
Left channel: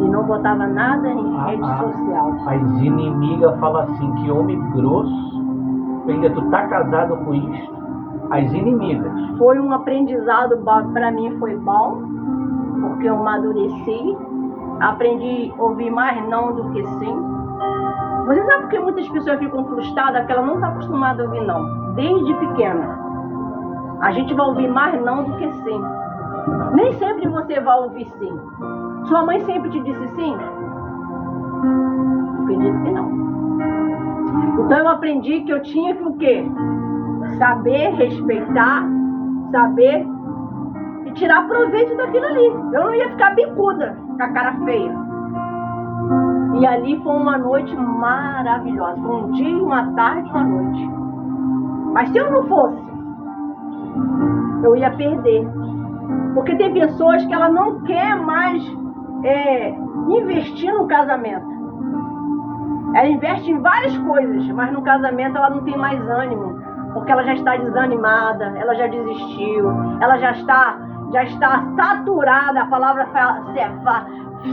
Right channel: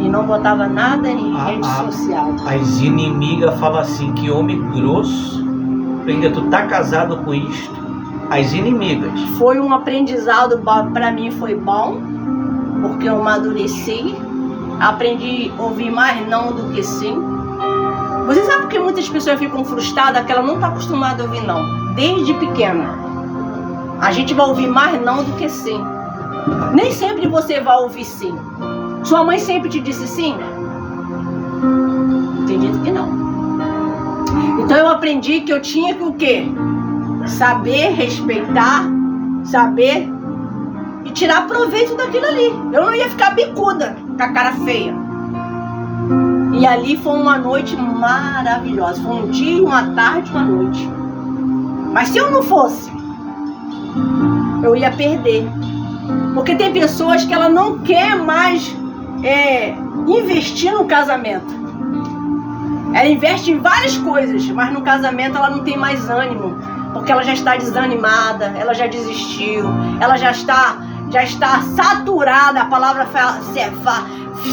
E não botava nada em rede social. As inimigas falam assim, que homem grosso. Ainda tu tá casado com isto. As inimigas. Foi um aprendizado, pra mim foi bom, porque eu amadureci, aprendi a ouvir mais não do que sim. Você sabe por que muitas pessoas ficam frustradas? Que ela não tá acostumada a ouvir não, desde pequena. A gente vai ouvir mais não do que sim. Nem sempre você vai ouvir sim. Sua mãe sempre te disse sim? Tem dito que não. Então eu aprendi que eu tinha que o quê? Saber respeitar, saber e tirar proveito daquilo ali. Eu não ia ficar bicuda, com a cara feia. E ali foi uma noite maravilhosa. Foi um dia, uma tarde, uma noite. Mas se eu não fosse, eu ia perder. Porque tem pessoas que ela não quer mais investir no casamento. Ela investe em várias coisas, mas no casamento ela não tem mais ânimo, porque ela já está desanimada, ela já desistiu, ela já está saturada. A palavra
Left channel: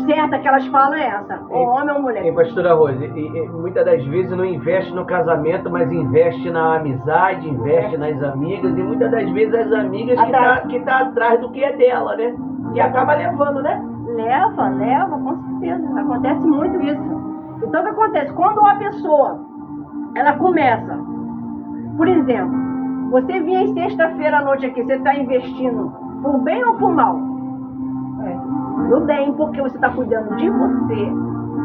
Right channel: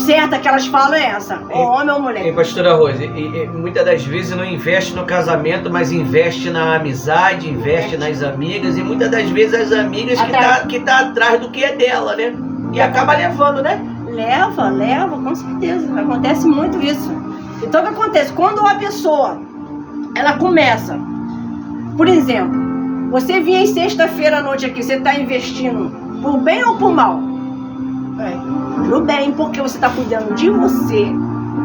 certa que elas falam é essa, ou homem ou mulher. Pastora Rose, muitas das vezes não investe no casamento, mas investe na amizade, investe nas amigas, e muitas das vezes as amigas que tá atrás do que é dela, né? E acaba levando, né? Leva, com certeza. Acontece muito isso. Então o que acontece? Quando a pessoa, ela começa, por exemplo, você vinha em sexta-feira à noite aqui, você está investindo por bem ou por mal? Pro bem, porque você está cuidando de você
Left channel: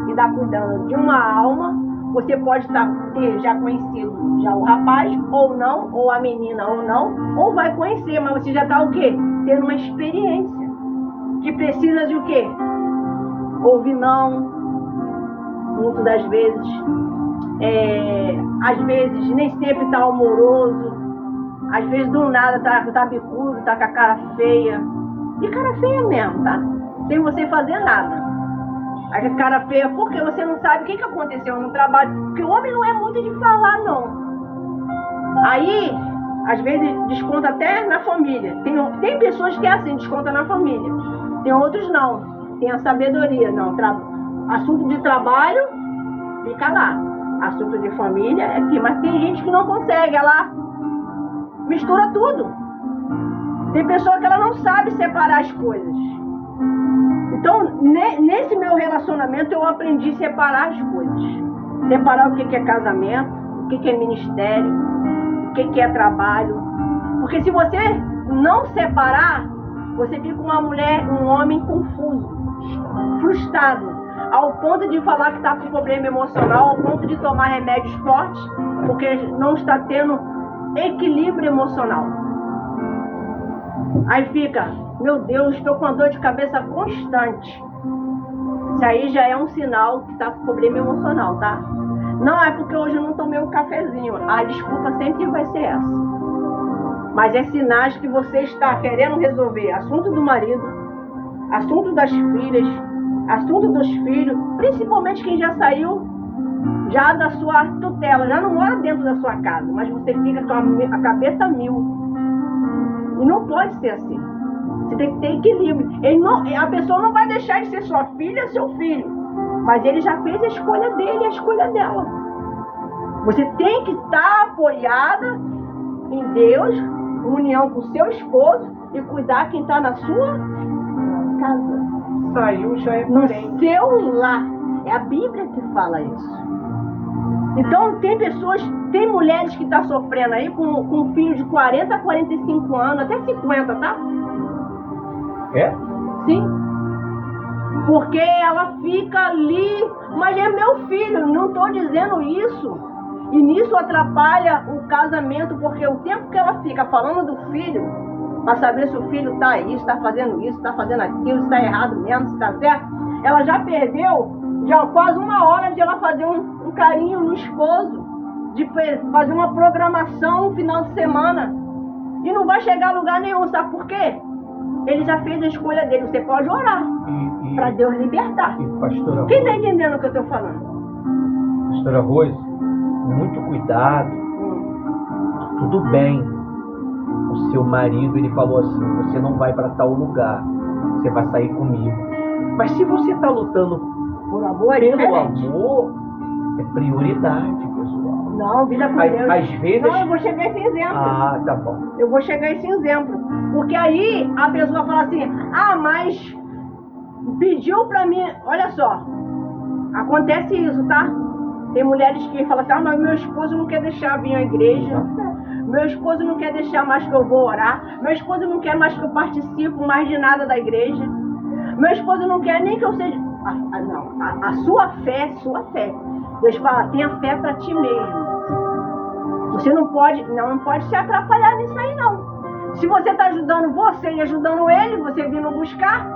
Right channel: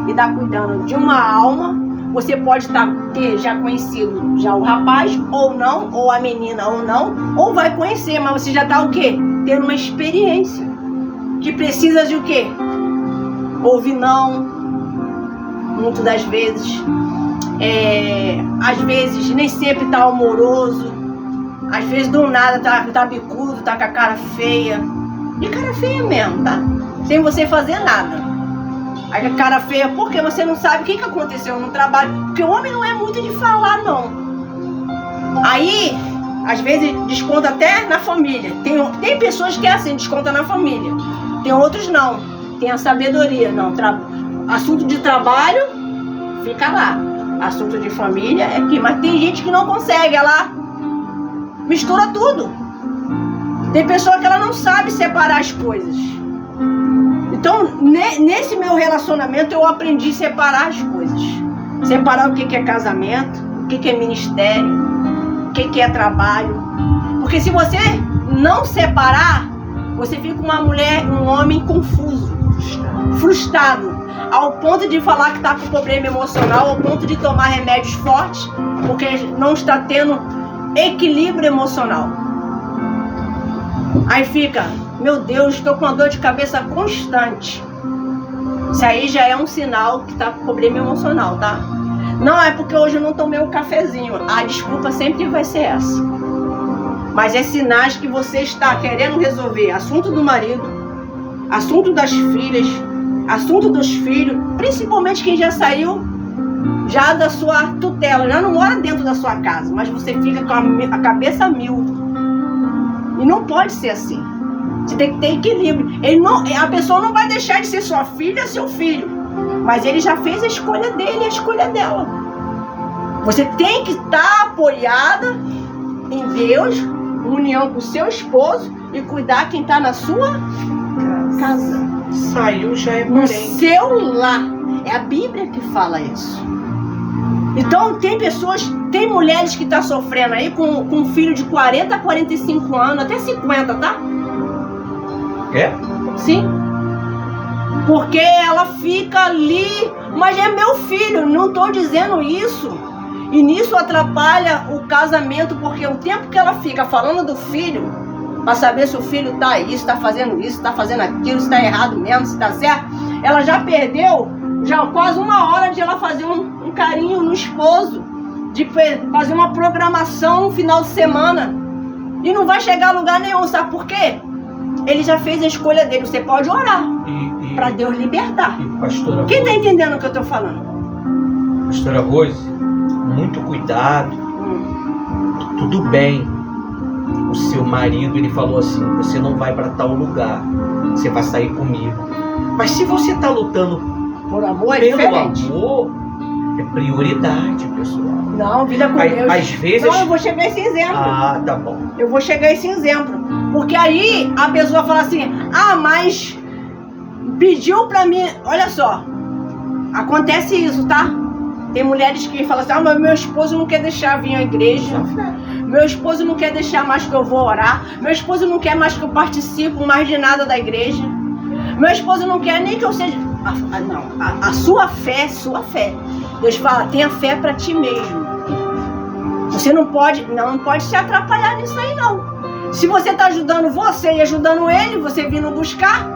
e está cuidando de uma alma. Você pode ter já conhecido já o rapaz, ou não, ou a menina, ou não, ou vai conhecer, mas você já está o quê? Tendo uma experiência. que precisa de o quê? Ouvir não, muitas das vezes. Às vezes nem sempre tá amoroso. Às vezes do nada tá bicudo, tá com a cara feia. E cara feia mesmo, tá? Sem você fazer nada. Aí a cara feia, porque você não sabe o que aconteceu no trabalho. Porque o homem não é muito de falar, não. Aí, às vezes, desconta até na família. Tem pessoas que é assim, desconta na família. Tem outros não. Tem a sabedoria, não. Assunto de trabalho, fica lá. Assunto de família é aqui. Mas tem gente que não consegue, ela mistura tudo. Tem pessoa que ela não sabe separar as coisas. Então, nesse meu relacionamento, eu aprendi a separar as coisas. Separar o que é casamento, o que é ministério, o que é trabalho. Porque se você não separar, você fica uma mulher, um homem confuso, frustrado, ao ponto de falar que está com problema emocional, ao ponto de tomar remédios fortes, porque não está tendo equilíbrio emocional. Aí fica, meu Deus, estou com uma dor de cabeça constante. Isso aí já é um sinal que está com problema emocional, tá? Não é porque hoje eu não tomei o cafezinho. A desculpa sempre vai ser essa. Mas é sinais que você está querendo resolver assunto do marido, assunto das filhas, assunto dos filhos, principalmente quem já saiu já da sua tutela, já não mora dentro da sua casa, mas você fica com a cabeça a mil. E não pode ser assim. Você tem que ter equilíbrio. A pessoa não vai deixar de ser sua filha, seu filho, mas ele já fez a escolha dele, a escolha dela. Você tem que estar apoiada em Deus, união com o seu esposo e cuidar quem está na sua casa. Saiu, já é No parente. seu lar. É a Bíblia que fala isso. Então tem mulheres que estão sofrendo aí com um filho de 40 a 45 anos, até 50, tá? É? Sim. Porque ela fica ali, mas é meu filho, não estou dizendo isso. E nisso atrapalha o casamento, porque o tempo que ela fica falando do filho, para saber se o filho está isso, está fazendo isso, está fazendo aquilo, se está errado mesmo, se está certo, ela já perdeu quase uma hora de ela fazer um carinho no esposo, de fazer uma programação no final de semana. E não vai chegar a lugar nenhum, sabe por quê? Ele já fez a escolha dele. Você pode orar para Deus libertar. E pastora Quem está Rose, entendendo o que eu estou falando? pastora Rose, muito cuidado. Tudo bem. O seu marido, ele falou assim, você não vai para tal lugar, você vai sair comigo. Mas se você está lutando Por amor é pelo diferente. amor, é prioridade, pessoal. Não, vida com Às Deus. vezes... Não, eu vou chegar a esse exemplo. Ah, tá bom. Eu vou chegar a esse exemplo. Porque aí a pessoa fala assim, mas pediu pra mim. Olha só, acontece isso, tá? Tem mulheres que falam assim, mas meu esposo não quer deixar vir à igreja. Meu esposo não quer deixar mais que eu vou orar. Meu esposo não quer mais que eu participo mais de nada da igreja. Meu esposo não quer nem que eu seja... A sua fé é sua fé. Deus fala, tenha fé pra ti mesmo. Você não pode se atrapalhar nisso aí, não. Se você está ajudando você e ajudando ele, você vindo buscar,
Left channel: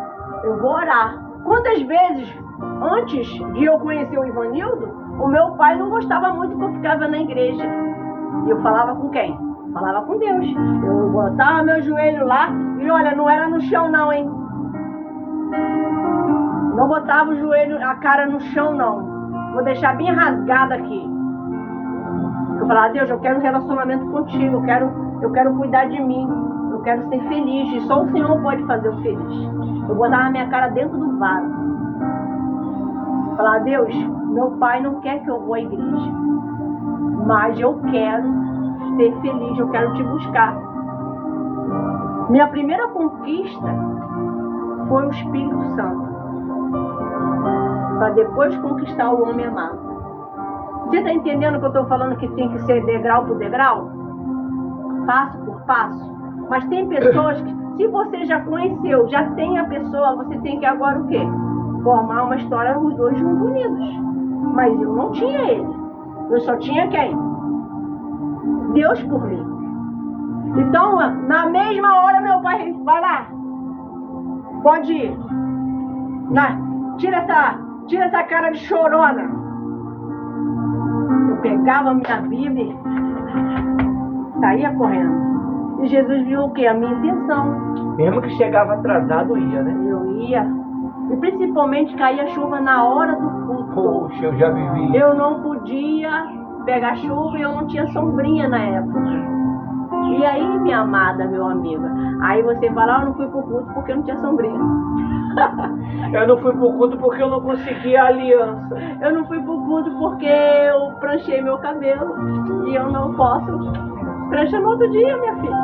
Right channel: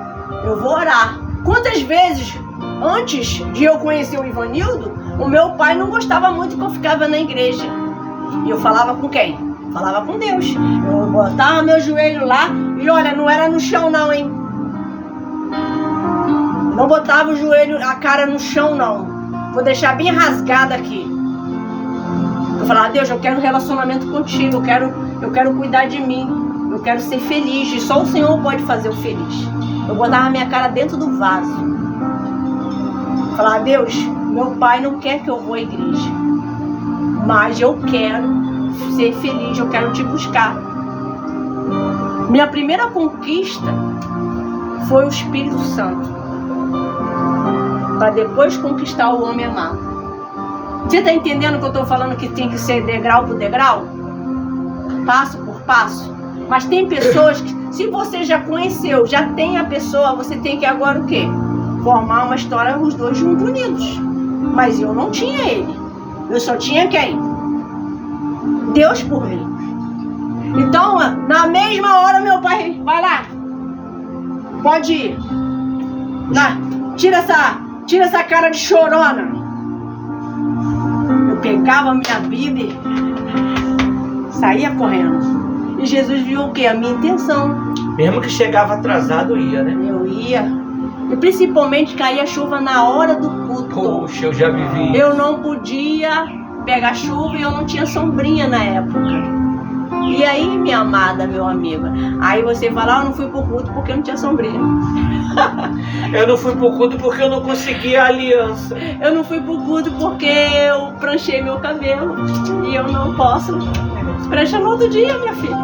eu vou orar. Quantas vezes, antes de eu conhecer o Ivanildo, o meu pai não gostava muito que eu ficava na igreja. E eu falava com quem? Falava com Deus. Eu botava meu joelho lá e olha, não era no chão não, hein? Não botava o joelho, a cara no chão não. Vou deixar bem rasgada aqui. Eu falava, Deus, eu quero um relacionamento contigo, eu quero cuidar de mim, eu quero ser feliz, e só o Senhor pode fazer o feliz. Eu botava minha cara dentro do vaso. Eu falava, Deus, meu pai não quer que eu vou à igreja, mas eu quero ser feliz, eu quero te buscar. Minha primeira conquista foi o Espírito Santo, para depois conquistar o homem amado. Você está entendendo que eu estou falando que tem que ser degrau por degrau? Passo por passo? Mas tem pessoas que, se você já conheceu, já tem a pessoa, você tem que agora o quê? Formar uma história, os dois juntos unidos. Mas eu não tinha ele. Eu só tinha quem? Deus por mim. Então, na mesma hora, meu pai, vai lá. Pode ir. Tira essa cara de chorona. Eu pegava a minha Bíblia, saía correndo. E Jesus viu o quê? A minha intenção. Mesmo que chegava atrasado, ia, né? Eu ia. E principalmente caía chuva na hora do culto. Poxa, eu já vivi. Eu não podia pegar chuva e eu não tinha sombrinha na época. E aí, minha amada, meu amigo, aí você fala, eu não fui pro culto porque eu não tinha sombrinha. Eu não fui pro culto porque eu não consegui a aliança. Eu não fui pro culto porque eu pranchei meu cabelo. E eu não posso pranchar no outro dia, minha filha.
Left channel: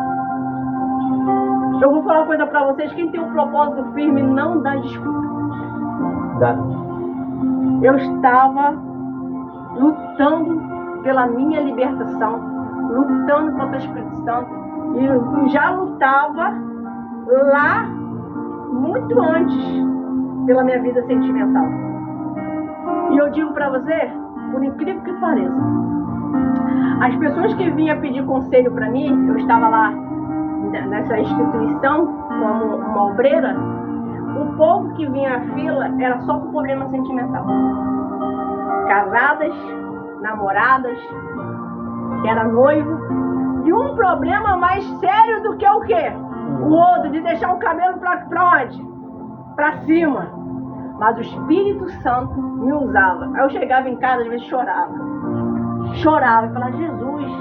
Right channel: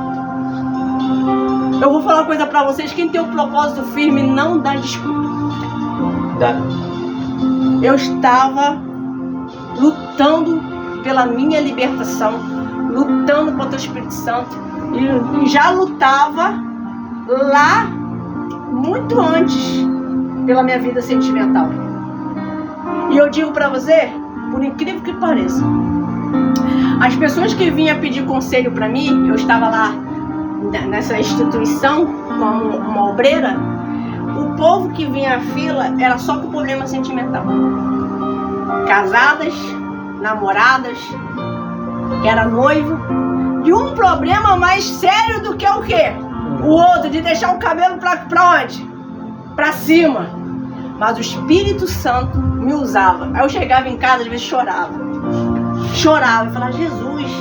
Eu vou falar uma coisa pra vocês, quem tem um propósito firme não dá desculpa. Dá. Eu estava lutando pela minha libertação, lutando contra o Espírito Santo, e já lutava lá muito antes pela minha vida sentimental. E eu digo pra você, por incrível que pareça, as pessoas que vinham pedir conselho pra mim, eu estava lá nessa instituição como uma obreira, o povo que vinha à fila era só com problema sentimental. Casadas, namoradas, que era noivo, e um problema mais sério do que o quê? O outro, de deixar o cabelo pra onde? Pra cima. Mas o Espírito Santo me usava. Aí eu chegava em casa, às vezes chorava. Chorava, eu falava, Jesus,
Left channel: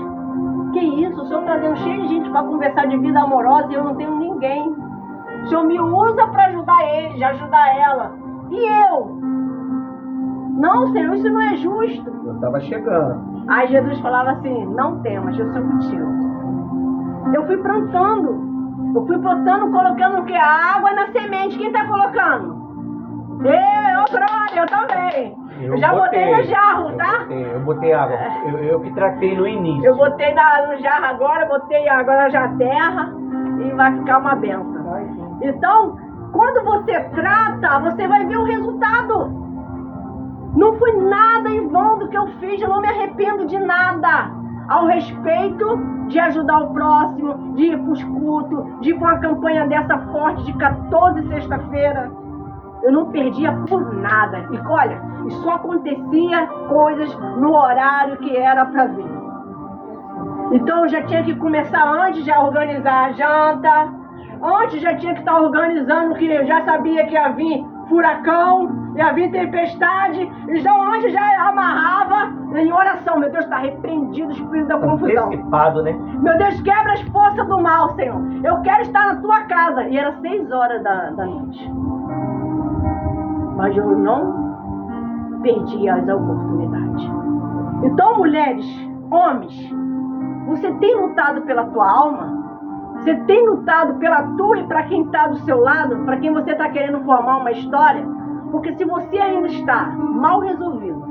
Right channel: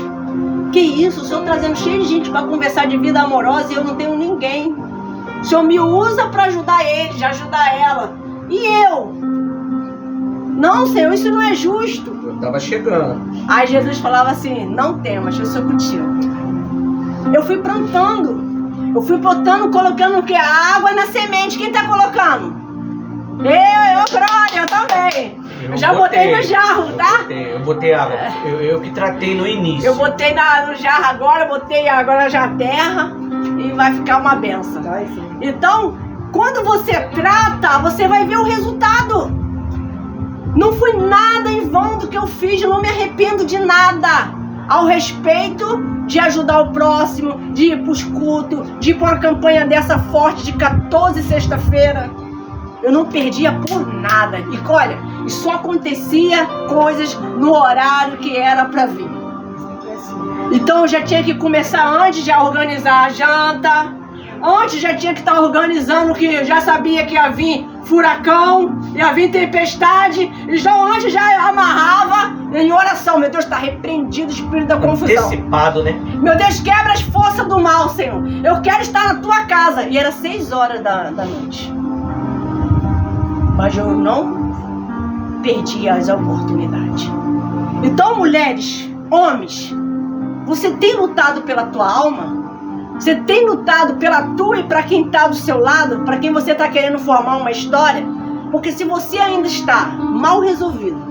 que isso? O Senhor trazendo cheio de gente para conversar de vida amorosa e eu não tenho ninguém. O Senhor me usa para ajudar eles, ajudar ela. E eu? Não, Senhor, isso não é justo. Eu tava chegando. Aí Jesus falava assim, não temas, eu sou contigo. Eu fui plantando. Eu fui botando, colocando o quê? A água na semente. Quem tá colocando? Eu também. Eu já botei no jarro, tá? Eu botei água. Eu que tratei no início. Eu botei no jarro agora, botei agora já a terra e vai ficar uma benção. Então, quando você trata, você vai ver o resultado. Não foi nada em vão do que eu fiz, eu não me arrependo de nada. Ao respeito de ajudar o próximo, de ir para os cultos, de ir para uma campanha dessa forte de 14 sexta-feira. Eu não perdia por nada. E olha, só acontecia coisas no horário que era para vir. Então eu já tinha que começar antes de organizar a janta. Antes já tinha que estar organizando, que eu já sabia que ia vir furacão, ia vir tempestade. E já antes já amarrava em oração. Meu Deus, está repreendido o espírito da confusão. Antecipado, né? Meu Deus, quebra as forças do mal, Senhor. Eu quero estar na tua casa. E era 6 horas da noite. Mas eu não perdi as oportunidades. Então, mulheres, homens, você tem lutado pela tua alma? Você tem lutado pela tua e para quem está do seu lado? Para quem você está querendo formar uma história? Porque se você ainda está mal resolvido,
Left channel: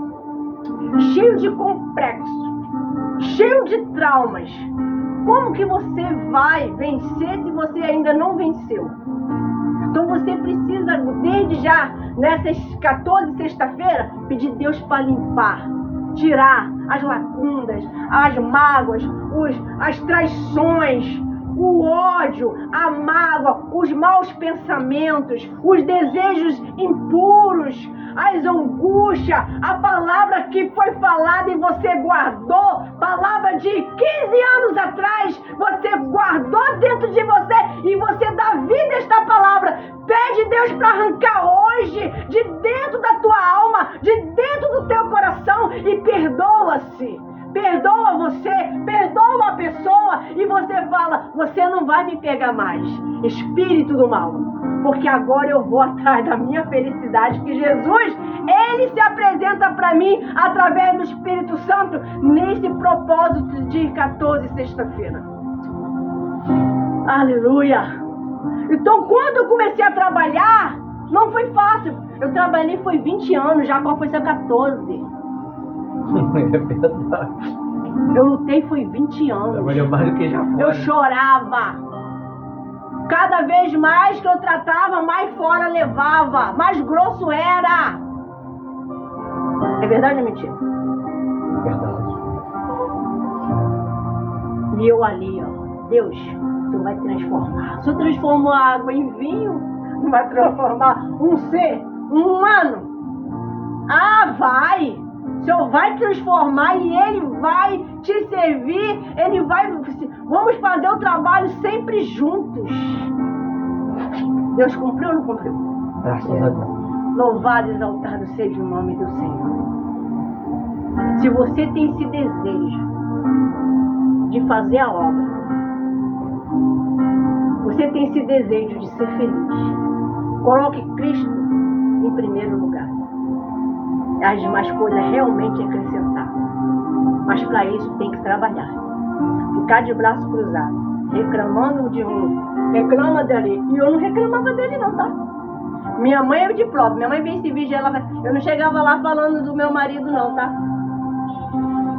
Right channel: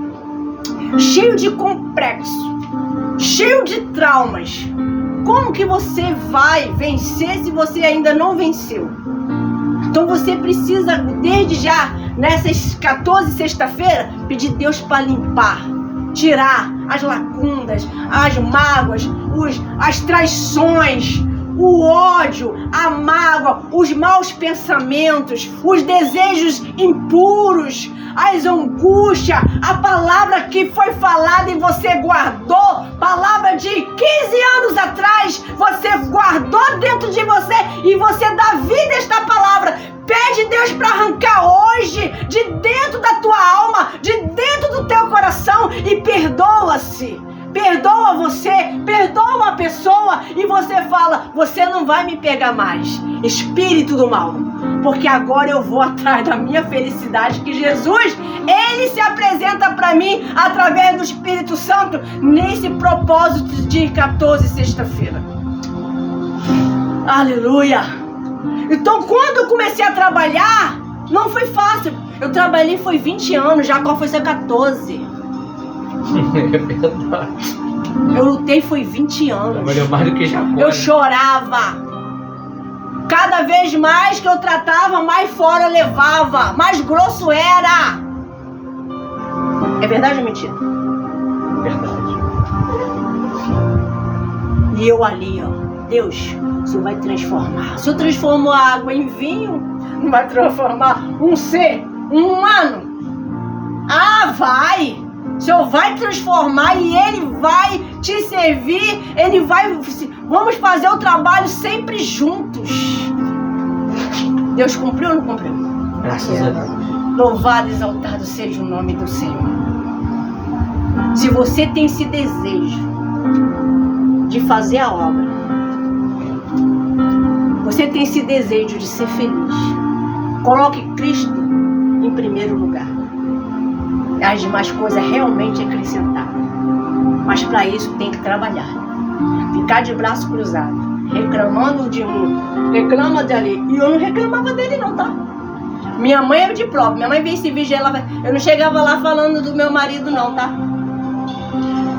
cheio de complexo, cheio de traumas, como que você vai vencer se você ainda não venceu? Então você precisa, desde já, nessas 14 sexta-feira, pedir Deus para limpar, tirar as lacunas, as mágoas, as traições, o ódio, a mágoa, os maus pensamentos, os desejos impuros, as angústias, a palavra que foi falada e você guardou, palavra de 15 anos atrás, você guardou dentro de você e você dá vida a esta palavra. Pede Deus para arrancar hoje de dentro da tua alma, de dentro do teu coração e perdoa-se. Perdoa você, perdoa a pessoa e você fala, você não vai me pegar mais, espírito do mal, porque agora eu vou atrás da minha felicidade, que Jesus, Ele se apresenta para mim através do Espírito Santo nesse propósito de 14 sexta-feira. Aleluia! Então quando eu comecei a trabalhar, não foi fácil, eu trabalhei foi 20 anos, Jacó foi ser 14. É verdade. Eu lutei foi 20 anos. Trabalhou mais do que Jacó. Eu chorava. Cada vez mais que eu tratava, mais fora levava. Mais grosso era. É verdade ou mentira? Verdade. E eu ali, ó. Deus, o Senhor vai transformar. O Senhor transformou a água em vinho, não vai transformar um ser, um humano? Ah, vai! O Senhor vai transformar e Ele vai te servir, Ele vai... Vamos fazer o trabalho sempre juntos. Deus cumpriu ou não cumpriu? Graças a Deus. Louvado e exaltado seja o nome do Senhor. Se você tem esse desejo de fazer a obra, você tem esse desejo de ser feliz, coloque Cristo em primeiro lugar. As demais coisas realmente acrescentar. Mas para isso tem que trabalhar. Ficar de braço cruzado, reclamando de um, reclama dali. E eu não reclamava dele não, tá? Minha mãe é de prova. Minha mãe vê esse vídeo, eu não chegava lá falando do meu marido não, tá?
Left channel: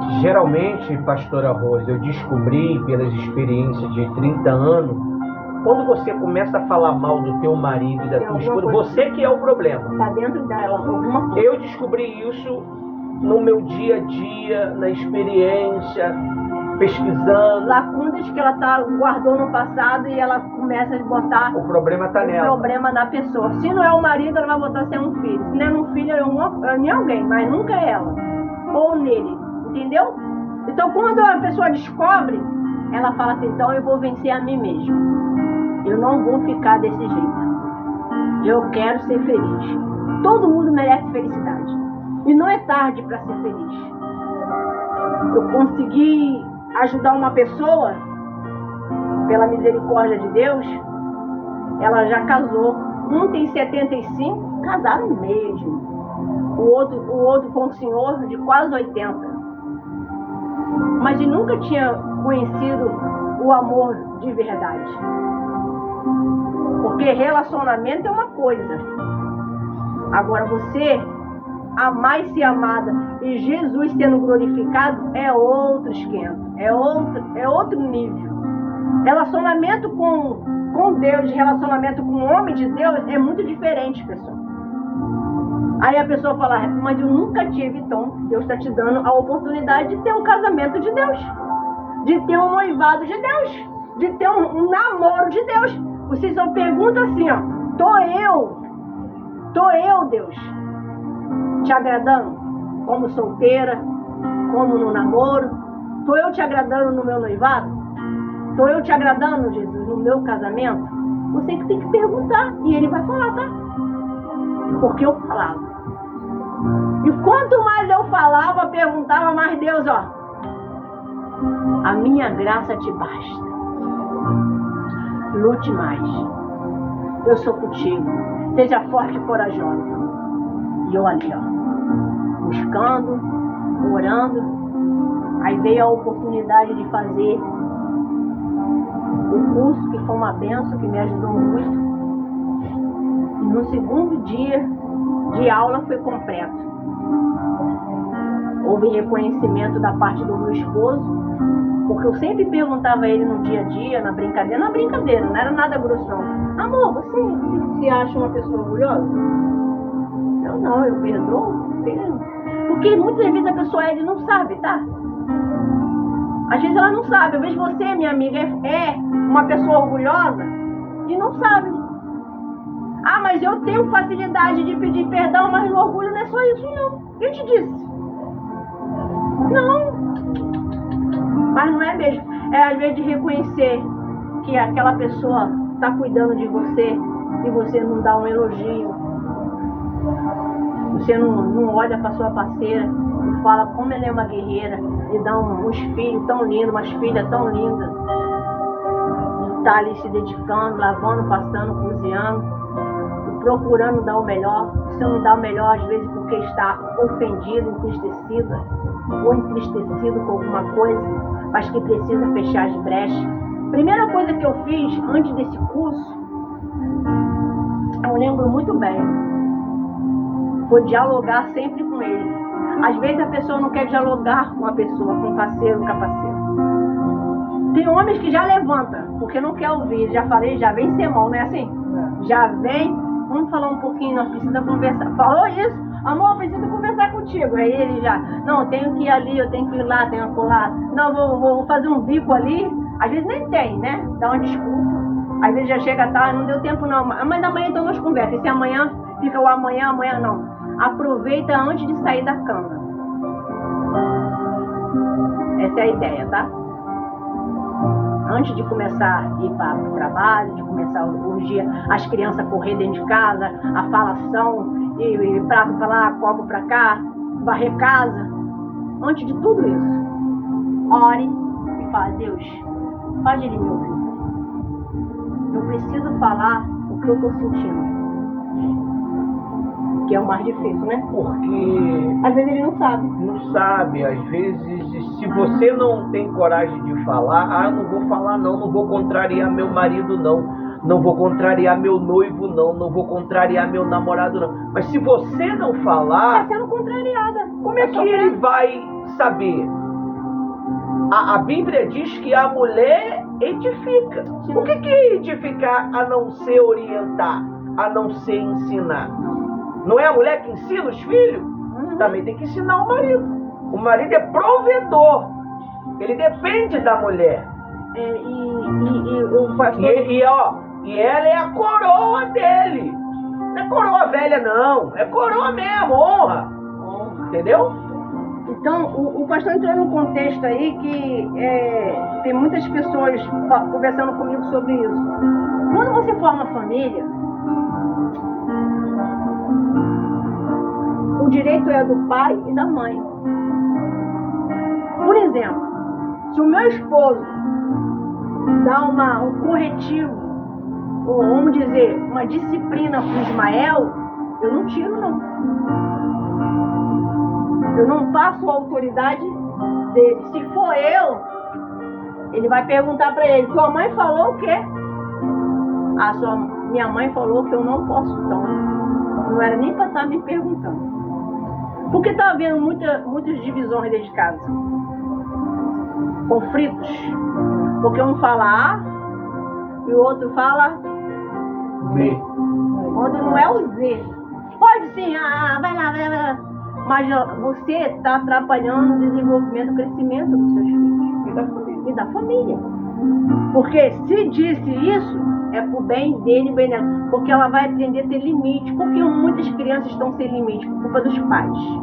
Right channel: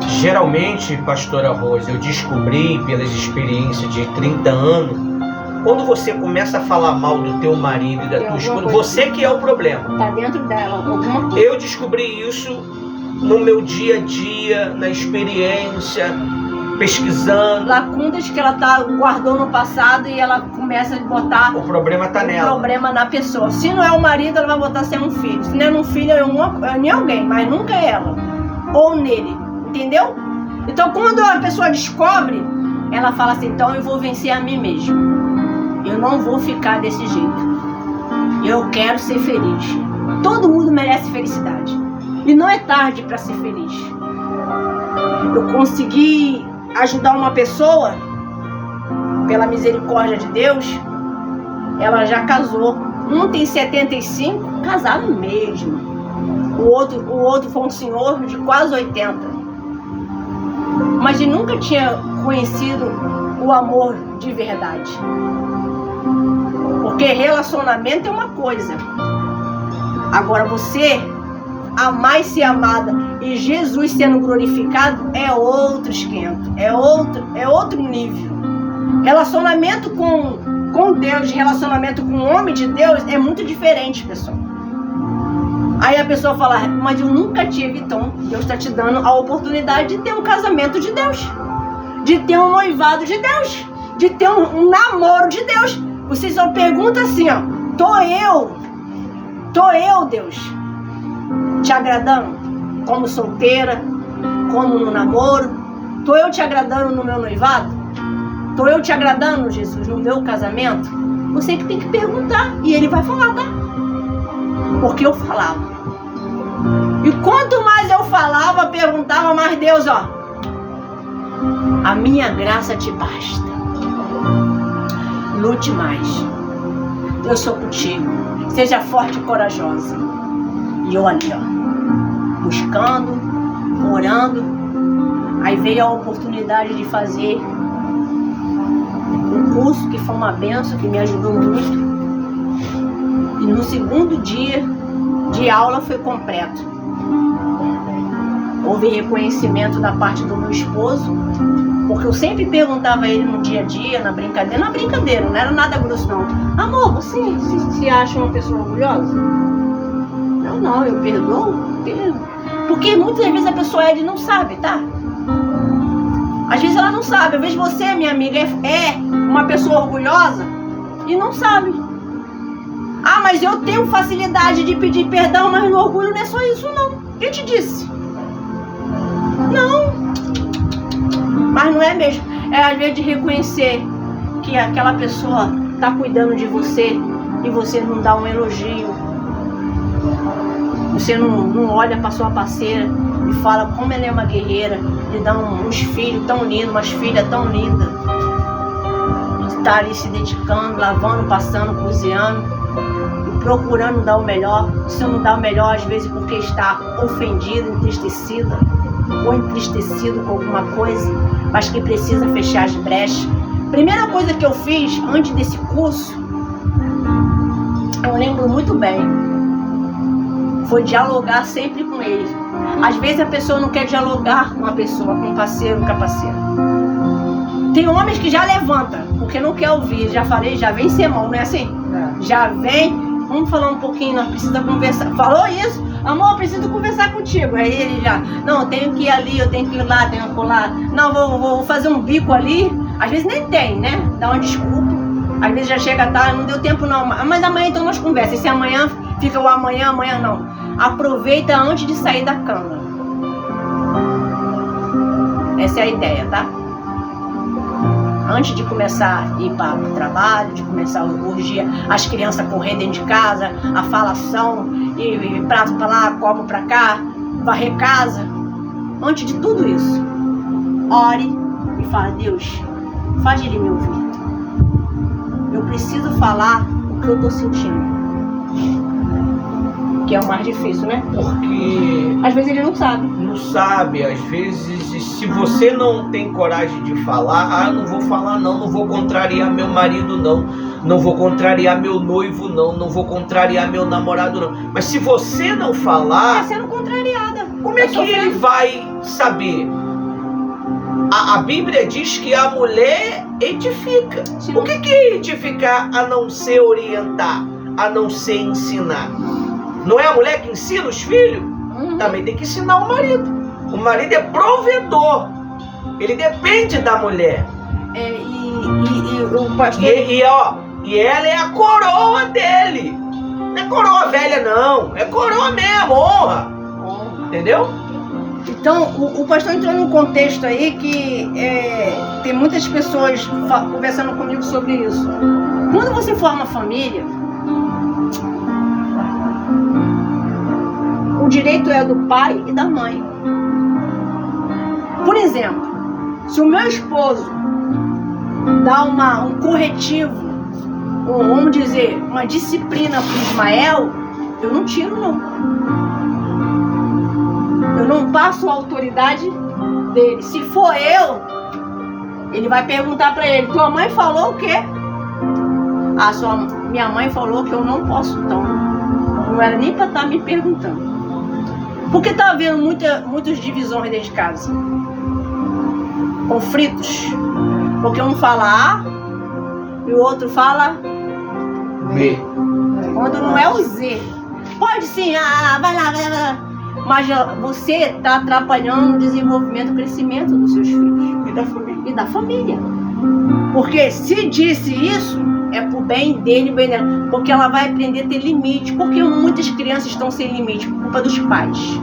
Geralmente, pastora Rose, eu descobri pelas experiências de 30 anos, quando você começa a falar mal do teu marido e da tua esposa, você que é o problema. Tá dentro dela alguma coisa. Eu descobri isso no meu dia a dia, na experiência, pesquisando. Lacunas que ela guardou no passado e ela começa a botar... O problema tá nela. O problema na pessoa. Se não é o marido, ela vai botar se é um filho. Se não é um filho, é em alguém, mas nunca é ela. Ou nele. Entendeu? Então, quando a pessoa descobre, ela fala assim, então eu vou vencer a mim mesmo. Eu não vou ficar desse jeito. Eu quero ser feliz. Todo mundo merece felicidade. E não é tarde para ser feliz. Eu consegui ajudar uma pessoa, pela misericórdia de Deus, ela já casou. Um tem 75, casaram mesmo. O outro foi um senhor de quase 80. Mas ele nunca tinha conhecido o amor de verdade. Porque relacionamento é uma coisa. Agora você amar e ser amada e Jesus sendo glorificado é outro esquenta. É outro nível. Relacionamento com Deus, relacionamento com o homem de Deus é muito diferente, pessoal. Aí a pessoa fala, mas eu nunca tive, então Deus está te dando a oportunidade de ter um casamento de Deus, de ter um noivado de Deus, de ter um namoro de Deus. Você só pergunta assim, ó, tô eu, Deus, te agradando como solteira, como no namoro? Tô eu te agradando no meu noivado? Tô eu te agradando, Jesus, no meu casamento? Você que tem que perguntar e Ele vai falar, tá? Porque eu falava. E quanto mais eu falava, perguntava, mais Deus, ó, a minha graça te basta. Lute mais. Eu sou contigo. Seja forte e corajosa. E eu ali, ó, buscando, orando. Aí veio a oportunidade de fazer um curso que foi uma benção, que me ajudou muito. E no segundo dia de aula foi completo. Houve reconhecimento da parte do meu esposo, porque eu sempre perguntava a ele no dia a dia, na brincadeira, não era nada grosso não. Amor, você se acha uma pessoa orgulhosa? Não, eu perdoo. Porque muitas vezes a pessoa ele não sabe, tá? Às vezes ela não sabe. Às vezes você, minha amiga, é uma pessoa orgulhosa e não sabe. Ah, mas eu tenho facilidade de pedir perdão, mas no orgulho não é só isso não. Quem te disse? Não. Mas não é mesmo. É às vezes de reconhecer que aquela pessoa está cuidando de você e você não dá um elogio. Você não olha para sua parceira e fala como ela é uma guerreira, e dá uns filhos tão lindos, umas filhas tão lindas. Está ali se dedicando, lavando, passando, cozinhando, e procurando dar o melhor. Se não dá o melhor, às vezes porque está ofendida, entristecida, ou entristecido com alguma coisa, mas que precisa fechar as brechas. Primeira coisa que eu fiz antes desse curso, eu lembro muito bem, foi dialogar sempre com ele. Às vezes a pessoa não quer dialogar com a pessoa, com o parceiro, com a parceira. Tem homens que já levantam, porque não quer ouvir. Já falei, já vem sermão, não é assim? É. Já vem, vamos falar um pouquinho, nós precisamos conversar. Falou isso? Amor, eu preciso conversar contigo. Aí ele já, não, eu tenho que ir ali, eu tenho que ir lá, tenho que ir lá. Não, vou fazer um bico ali. Às vezes nem tem, né? Dá uma desculpa. Às vezes já chega tarde, não deu tempo não. Mas amanhã então nós conversamos. E se amanhã fica o amanhã não. Aproveita antes de sair da cama. Essa é a ideia, tá? Antes de começar a ir para o trabalho, de começar a orgia, as crianças correr dentro de casa, a falação, e prato para lá, copo para cá, varrer casa. Antes de tudo isso, ore e fala: Deus, faz ele me ouvir. Eu preciso falar o que eu estou sentindo. Que é o mais difícil, né? Porque às vezes ele não sabe. Não sabe, às vezes, se você não tem coragem de falar, não vou falar não vou contrariar meu marido não vou contrariar meu noivo não vou contrariar meu namorado não. Mas se você não falar, está sendo contrariada. Como é que ele vai saber? A Bíblia diz que a mulher edifica. Sim. O que é edificar a não ser orientar, a não ser ensinar? Não é a mulher que ensina os filhos? Também tem que ensinar o marido. O marido é provedor. Ele depende da mulher. E o pastor... E ela é a coroa dele. Não é coroa velha, não. É coroa mesmo, honra. Entendeu? Então, o pastor entrou num contexto aí que tem muitas pessoas conversando comigo sobre isso. Quando você forma família, o direito é do pai e da mãe. Por exemplo, se o meu esposo dá um corretivo, ou vamos dizer, uma disciplina para o Ismael, eu não tiro não. Eu não passo a autoridade dele. Se for eu, ele vai perguntar para ele: tua mãe falou o quê? Minha mãe falou que eu não posso, então não era nem para estar me perguntando. Porque está havendo muitas divisões dentro de casa. Conflitos. Porque um fala A e o outro fala B. Quando não é o Z. Pode sim, vai lá. Mas você está atrapalhando o desenvolvimento e o crescimento dos seus filhos. E da família. Porque se disse isso, é pro bem dele e bem dela. Porque ela vai aprender a ter limite. Porque muitas crianças estão sem limite por culpa dos pais.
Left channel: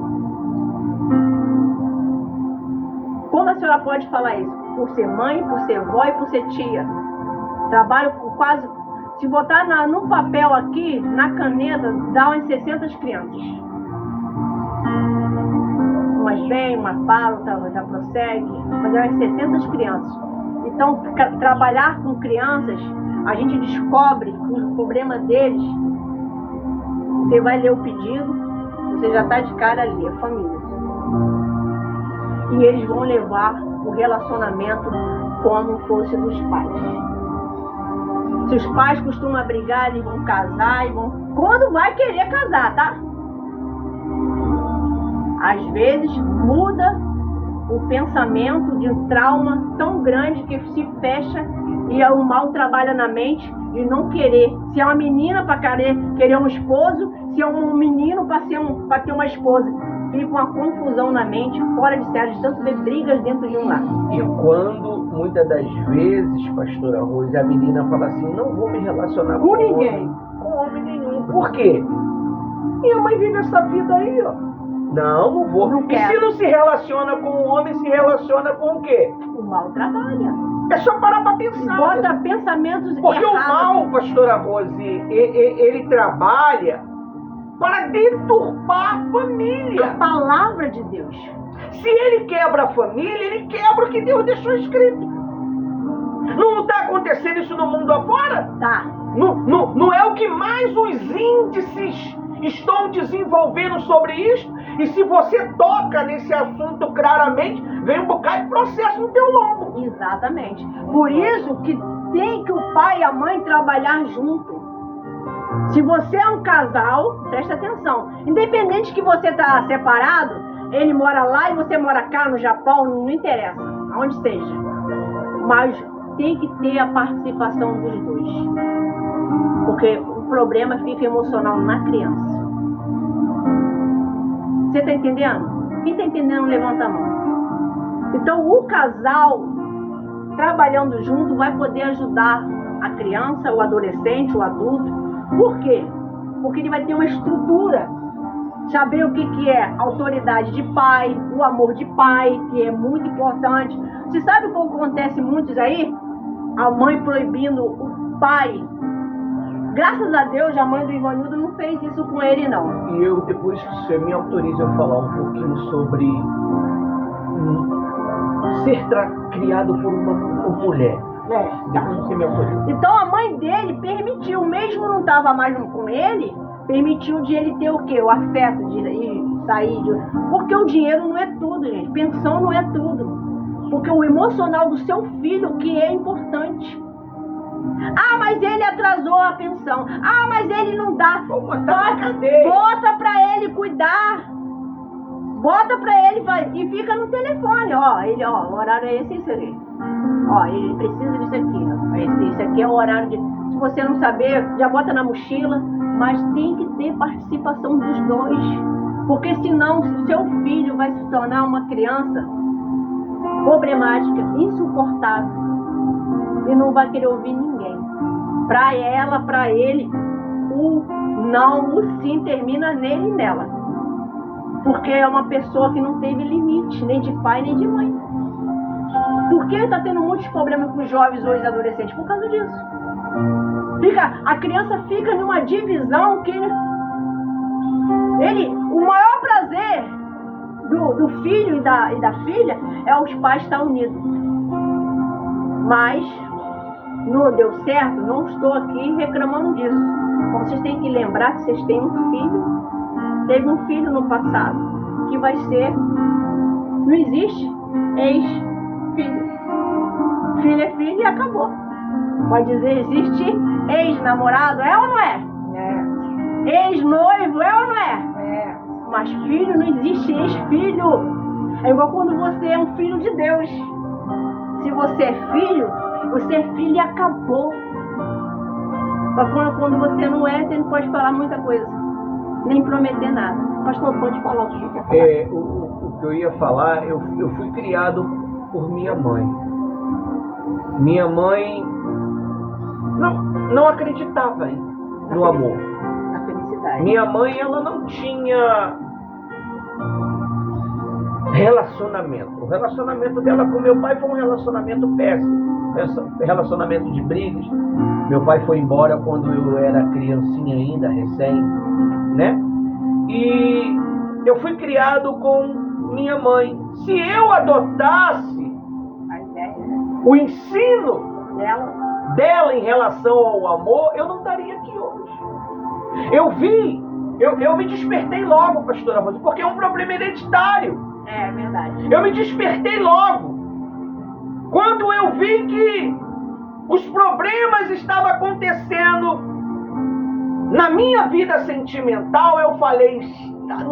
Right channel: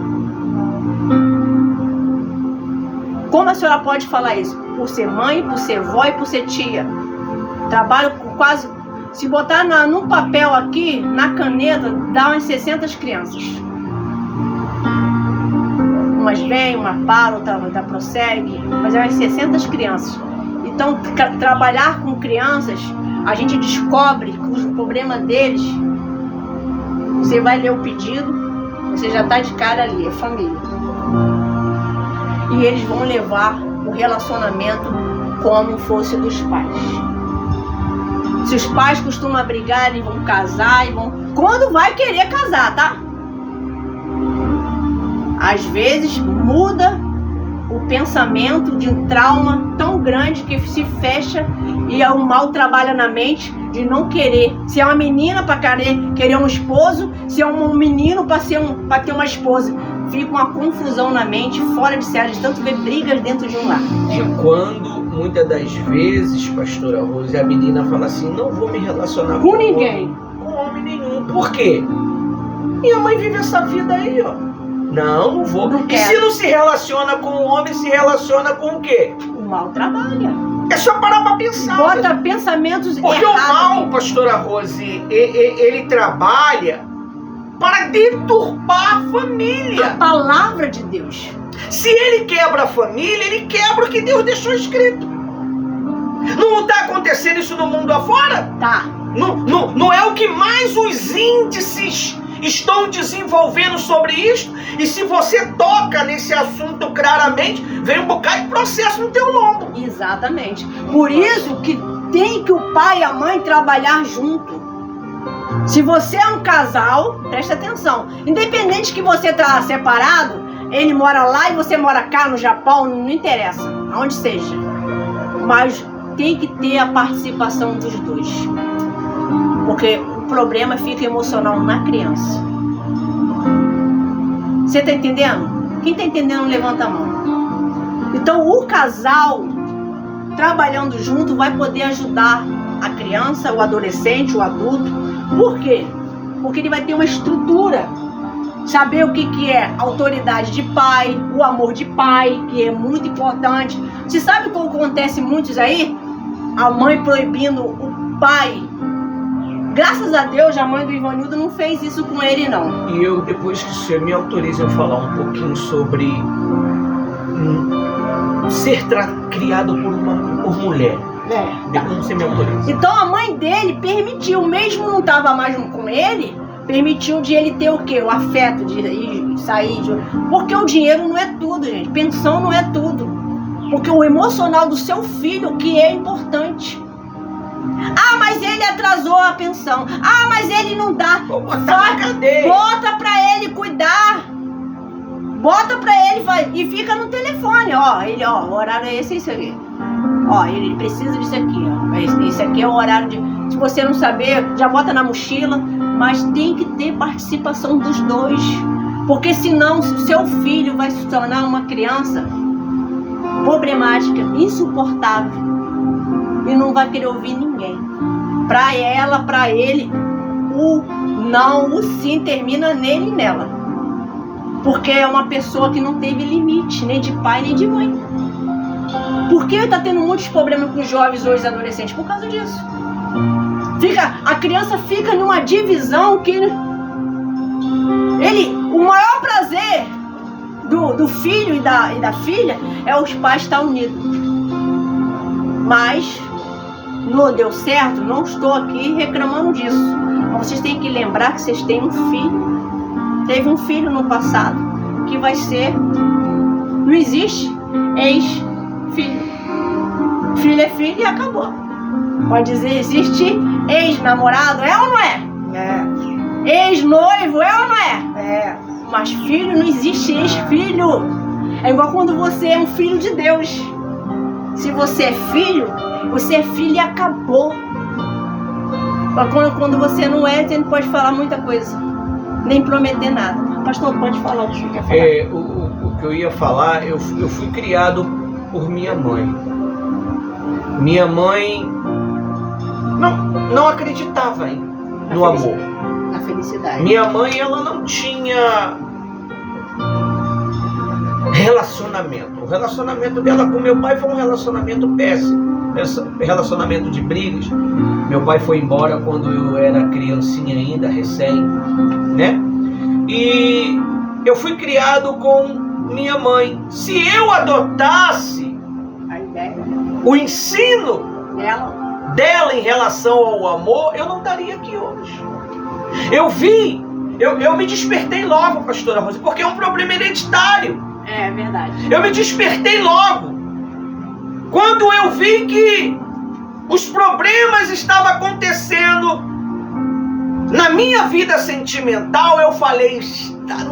Como a senhora pode falar isso? Por ser mãe, por ser vó e por ser tia. Trabalho com quase... Se botar num papel aqui, na caneta, dá umas 60 crianças. Umas vêm, uma para, outra prossegue. Mas é umas 60 crianças. Então, trabalhar com crianças, a gente descobre que o problema deles, você vai ler o pedido, você já está de cara ali, é família. E eles vão levar o relacionamento como fosse dos pais. Se os pais costumam brigar, eles vão casar e vão... Quando vai querer casar, tá? Às vezes muda o pensamento de trauma tão grande que se fecha e o mal trabalha na mente de não querer. Se é uma menina para querer um esposo, se é um menino para ter uma esposa. Fica uma confusão na mente, fora de série, de tanto ver brigas dentro de um lar. E quando, muitas das vezes, pastora Rose, a menina fala assim: não vou me relacionar com ninguém. Com homem nenhum. Por quê? Minha mãe vive essa vida aí, ó. Não vou. Não e se não se relaciona com o homem, se relaciona com o quê? O mal trabalha. É só parar pra pensar. Bota pensamentos porque errados. Porque o mal, pastora Rose, ele trabalha para deturpar a família. A palavra de Deus. Se ele quebra a família, ele quebra o que Deus deixou escrito. Não está acontecendo isso no mundo afora? Tá. Não é o que mais os índices estão desenvolvendo sobre isso? E se você toca nesse assunto claramente, vem um bocado de processo no teu lombo. Exatamente. Por isso que tem que o pai e a mãe trabalhar junto. Se você é um casal, presta atenção. Independente que você está separado, ele mora lá e você mora cá no Japão, não interessa, aonde seja. Mas tem que ter a participação dos dois. Porque o problema fica emocional na criança. Você está entendendo? Quem está entendendo, levanta a mão. Então o casal trabalhando junto, vai poder ajudar a criança, o adolescente, o adulto. Por quê? Porque ele vai ter uma estrutura, saber o que é autoridade de pai, o amor de pai, que é muito importante. Você sabe o que acontece muitos aí? A mãe proibindo o pai. Graças a Deus, a mãe do Ivanildo não fez isso com ele, não. E eu, depois que você me autoriza eu falar um pouquinho sobre ser criado por mulher. Depois você me autoriza. Então a mãe dele permitiu, mesmo não estava mais com ele, permitiu de ele ter o quê? O afeto de sair. Porque o dinheiro não é tudo, gente. Pensão não é tudo. Porque o emocional do seu filho que é importante. Ah, mas ele atrasou a pensão. Ah, mas ele não dá. Vou botar na cadeia. Bota pra ele cuidar. Bota pra ele e fica no telefone. O horário é esse, isso aqui. Ele precisa disso aqui. Esse aqui é o horário de... Se você não saber, já bota na mochila. Mas tem que ter participação dos dois. Porque senão, o seu filho vai se tornar uma criança problemática, insuportável. E não vai querer ouvir ninguém. Pra ela, pra ele, o não, o sim termina nele e nela. Porque é uma pessoa que não teve limite, nem de pai, nem de mãe. Por que tá tendo muitos problemas com os jovens hoje adolescentes? Por causa disso. A criança fica numa divisão que o maior prazer do filho e da filha é os pais estar unidos. Mas não deu certo, não estou aqui reclamando disso. Mas vocês têm que lembrar que vocês têm um filho. Teve um filho no passado que vai ser... Não existe ex-filho. Filho é filho e acabou. Pode dizer, existe ex-namorado, é ou não é? É. Ex-noivo, é ou não é? É. Mas filho, não existe ex-filho. É igual quando você é um filho de Deus. Se você é filho e acabou. Mas quando você não é, você não pode falar muita coisa. Nem prometer nada. Pastor, pode falar o que você quer falar. O que eu ia falar, eu fui criado por minha mãe. Minha mãe não acreditava no amor. Na felicidade. Minha mãe, ela não tinha relacionamento. O relacionamento dela com meu pai foi um relacionamento péssimo. Relacionamento de brigas. Meu pai foi embora quando eu era criancinha ainda, recém, né? E eu fui criado com minha mãe. Se eu adotasse o ensino dela em relação ao amor, eu não estaria aqui hoje. Eu me despertei logo, pastora Rosa, porque é um problema hereditário. É verdade. Eu me despertei logo. Quando eu vi que os problemas estavam acontecendo na minha vida sentimental, eu falei,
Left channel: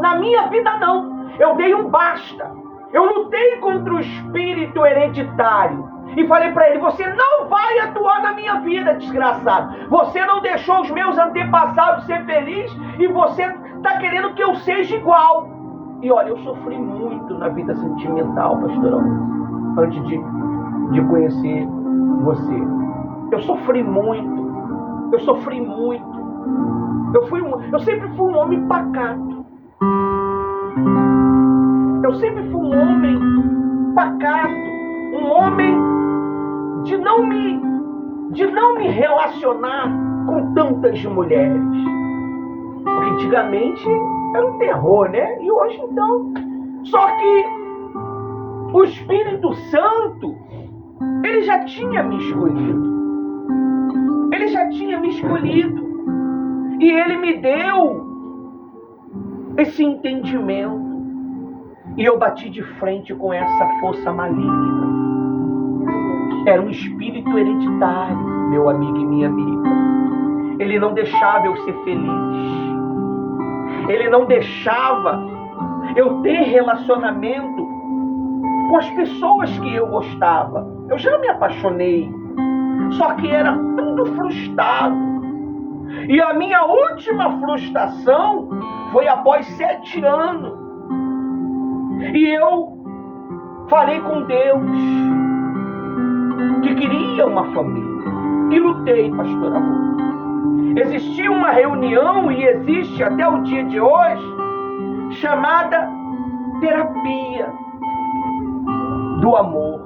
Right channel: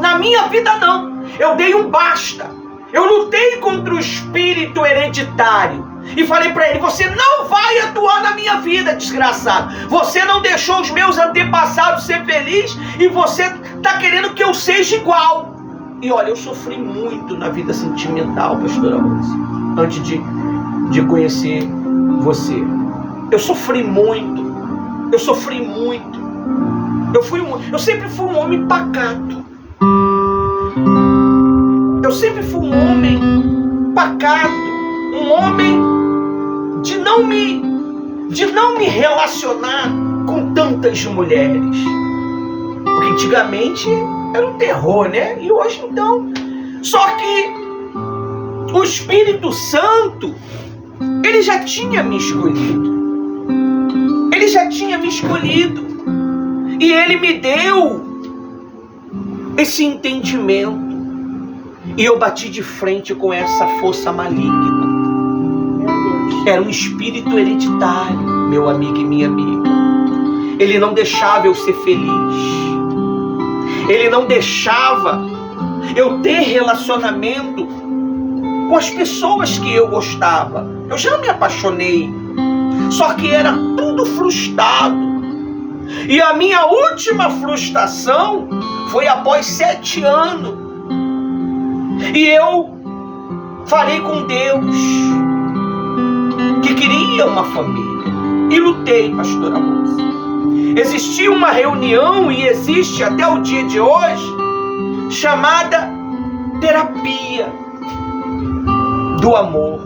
na minha vida não. Eu dei um basta. Eu lutei contra o espírito hereditário. E falei para ele, você não vai atuar na minha vida, desgraçado. Você não deixou os meus antepassados ser felizes e você está querendo que eu seja igual. E olha, eu sofri muito na vida sentimental, pastora Rosa, antes de conhecer você. Eu sofri muito. Eu sempre fui um homem pacato. Eu sempre fui um homem pacato, um homem de não me relacionar com tantas mulheres. Porque antigamente era um terror, né? E hoje então. Só que o Espírito Santo, ele já tinha me escolhido. E ele me deu esse entendimento. E eu bati de frente com essa força maligna. Era um espírito hereditário, meu amigo e minha amiga. Ele não deixava eu ser feliz. Ele não deixava eu ter relacionamento com as pessoas que eu gostava. Eu já me apaixonei. Só que era tudo frustrado. E a minha última frustração foi após 7 anos. E eu falei com Deus. que queria uma família. E lutei, pastora Rosa. Existia uma reunião, e existe até o dia de hoje, chamada terapia do amor.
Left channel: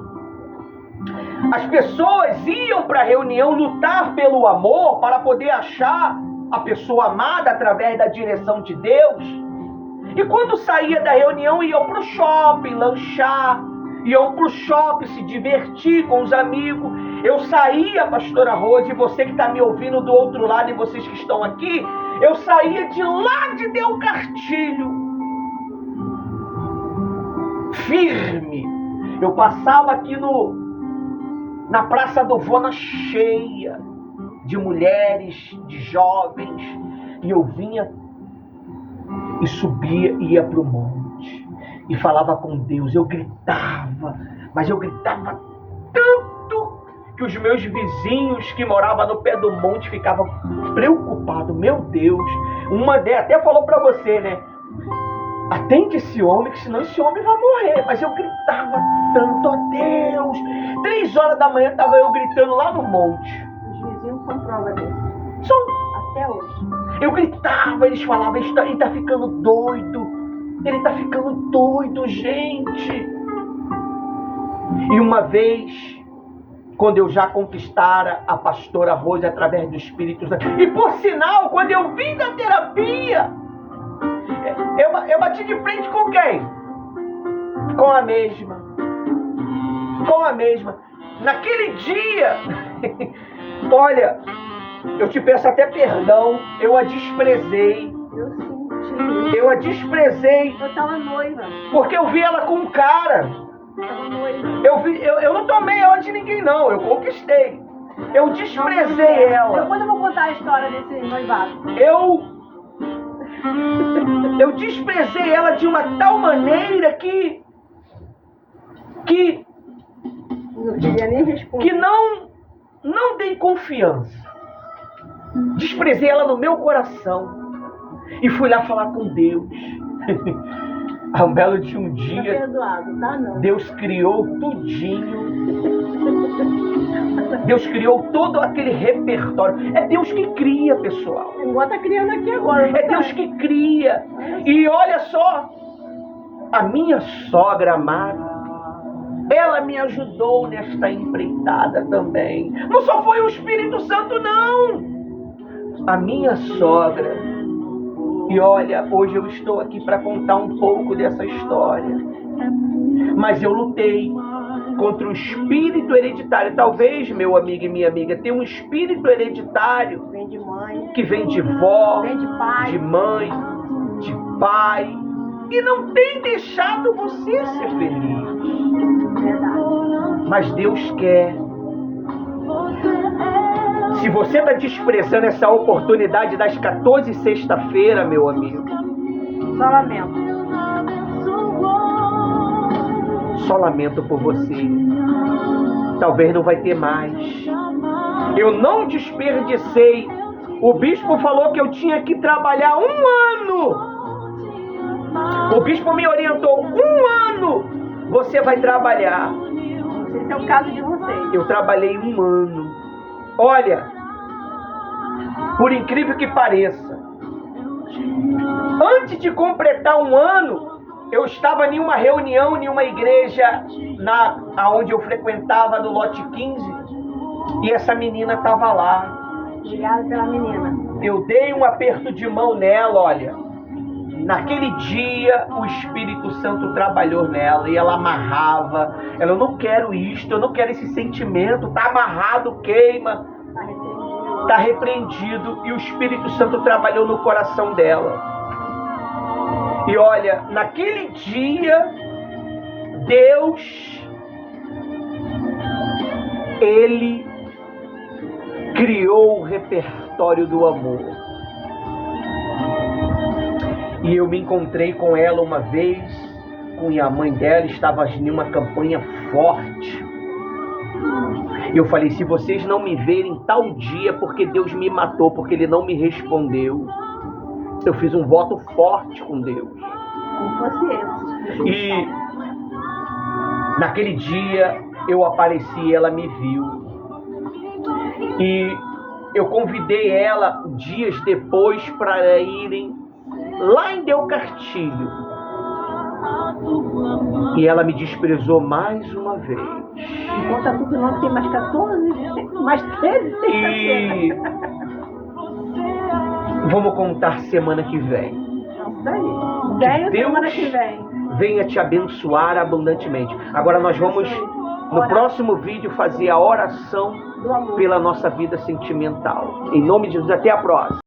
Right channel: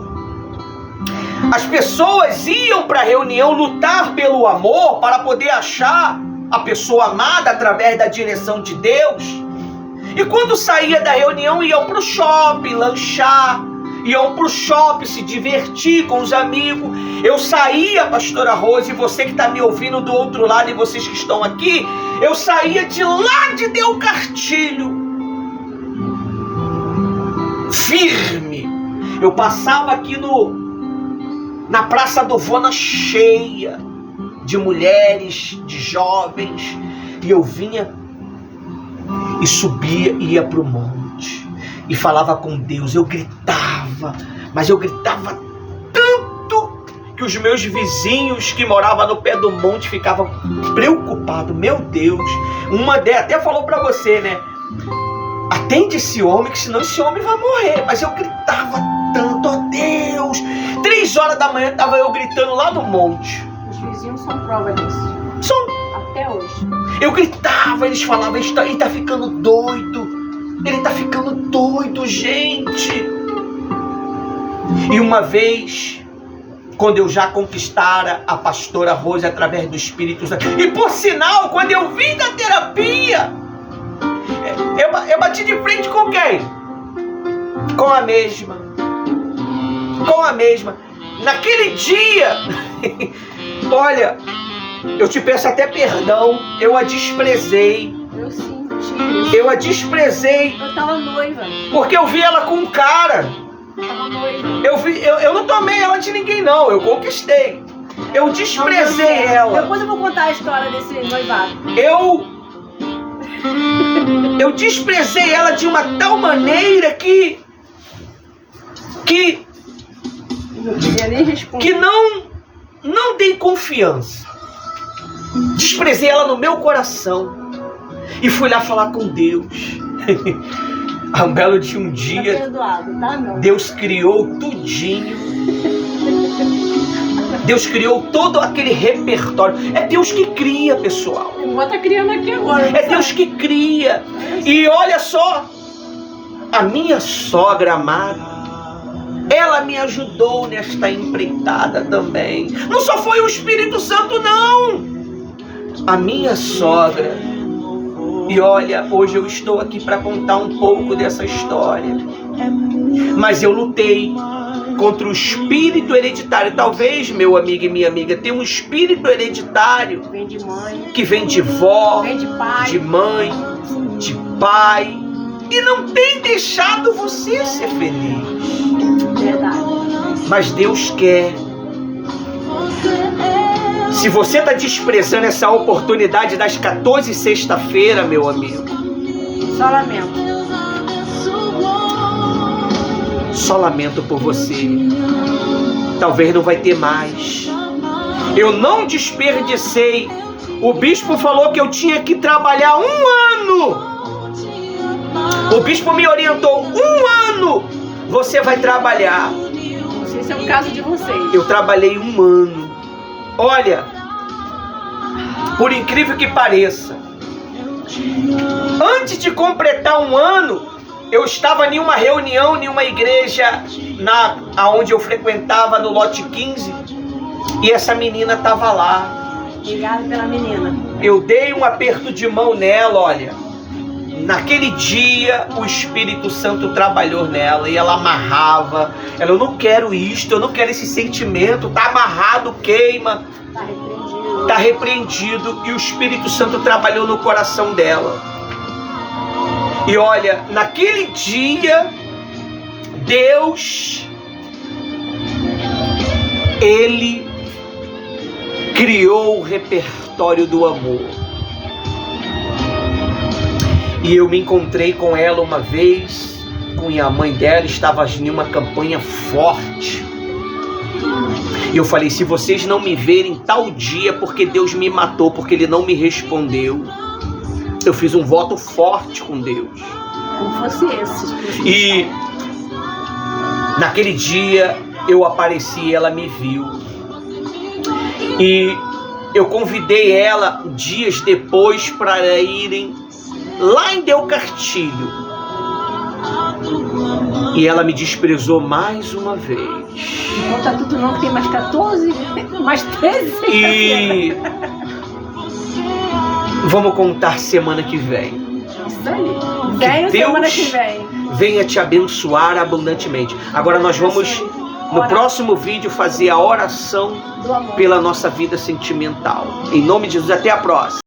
As pessoas iam para a reunião lutar pelo amor para poder achar a pessoa amada através da direção de Deus. E quando saía da reunião, iam para o shopping lanchar, iam para o shopping se divertir com os amigos. Eu saía, pastora Rose, e você que está me ouvindo do outro lado e vocês que estão aqui, eu saía de lá de Del Cartilho, firme. Eu passava aqui na Praça do Vona cheia de mulheres, de jovens, e eu vinha e subia e ia para o monte e falava com Deus. Eu gritava, mas eu gritava tanto que os meus vizinhos que moravam no pé do monte ficavam preocupados. Meu Deus, uma delas até falou para você, né? Atende esse homem, que senão esse homem vai morrer. Mas eu gritava tanto, ó Deus. 3 horas da manhã estava eu gritando lá no monte. Os vizinhos são prova disso. São. Até hoje. Eu gritava, eles falavam, ele tá ficando doido. Ele tá ficando doido, gente. E uma vez, quando eu já conquistara a pastora Rose através do Espírito Santo, e por sinal, quando eu vim da terapia, eu bati de frente com quem? Com a mesma. Com a mesma. Naquele dia, olha, eu te peço até perdão, eu a desprezei. Eu senti. Eu a desprezei. Eu tava noiva. Porque eu vi ela com um cara. Eu tava noiva. Eu não tomei ela de ninguém, não. Eu conquistei. Eu desprezei ela. Depois eu vou contar a história desse noivado. Eu desprezei ela de uma tal maneira que Não queria nem responder. que não dei confiança. Desprezei ela no meu coração. E fui lá falar com Deus. A um belo de um dia, Tá perdoado, tá? Não. Deus criou tudinho. Deus criou todo aquele repertório. É Deus que cria, pessoal. O irmão tá criando aqui agora. É Deus que cria. E olha só, a minha sogra amada, ela me ajudou nesta empreitada também. Não só foi o Espírito Santo, não. A minha sogra. E olha, hoje eu estou aqui para contar um pouco dessa história. Mas eu lutei contra o espírito hereditário. Talvez, meu amigo e minha amiga, tenha um espírito hereditário Vem de mãe. que vem de vó, Vem de pai. de mãe, de pai, e não tem deixado você ser feliz. Verdade. Mas Deus quer. Se você está desprezando essa oportunidade das 14 sexta-feira, meu amigo, Só lamento. só lamento por você. Talvez não vai ter mais. Eu não desperdicei. O bispo falou que eu tinha que trabalhar 1 ano. O bispo me orientou: 1 ano você vai trabalhar. Não sei se é o caso de vocês. Eu trabalhei 1 ano. Olha, por incrível que pareça, antes de completar 1 ano, eu estava em uma reunião, em uma igreja aonde eu frequentava, no lote 15, e essa menina estava lá. Obrigada pela menina. Eu dei um aperto de mão nela, olha. Naquele dia, o Espírito Santo trabalhou nela e ela amarrava. Ela: eu não quero isto, eu não quero esse sentimento, tá amarrado, queima. Tá repreendido. Tá repreendido. E o Espírito Santo trabalhou no coração dela. E olha, naquele dia, Deus, Ele criou o repertório do amor. E eu me encontrei com ela uma vez, com a mãe dela, estava em uma campanha forte. E eu falei: se vocês não me verem tal dia, porque Deus me matou, porque Ele não me respondeu. Eu fiz um voto forte com Deus. Como fosse esse. E naquele dia eu apareci e ela me viu. E eu convidei ela dias depois para irem lá em Delcartilho. E ela me desprezou mais uma vez. Não conta tudo não, que tem mais 14, mais 13. E vamos contar semana que vem. Isso aí. Venho semana Deus que vem. venha te abençoar abundantemente. Agora nós vamos, no próximo vídeo, fazer a oração Do amor. pela nossa vida sentimental. Em nome de Jesus, até a próxima.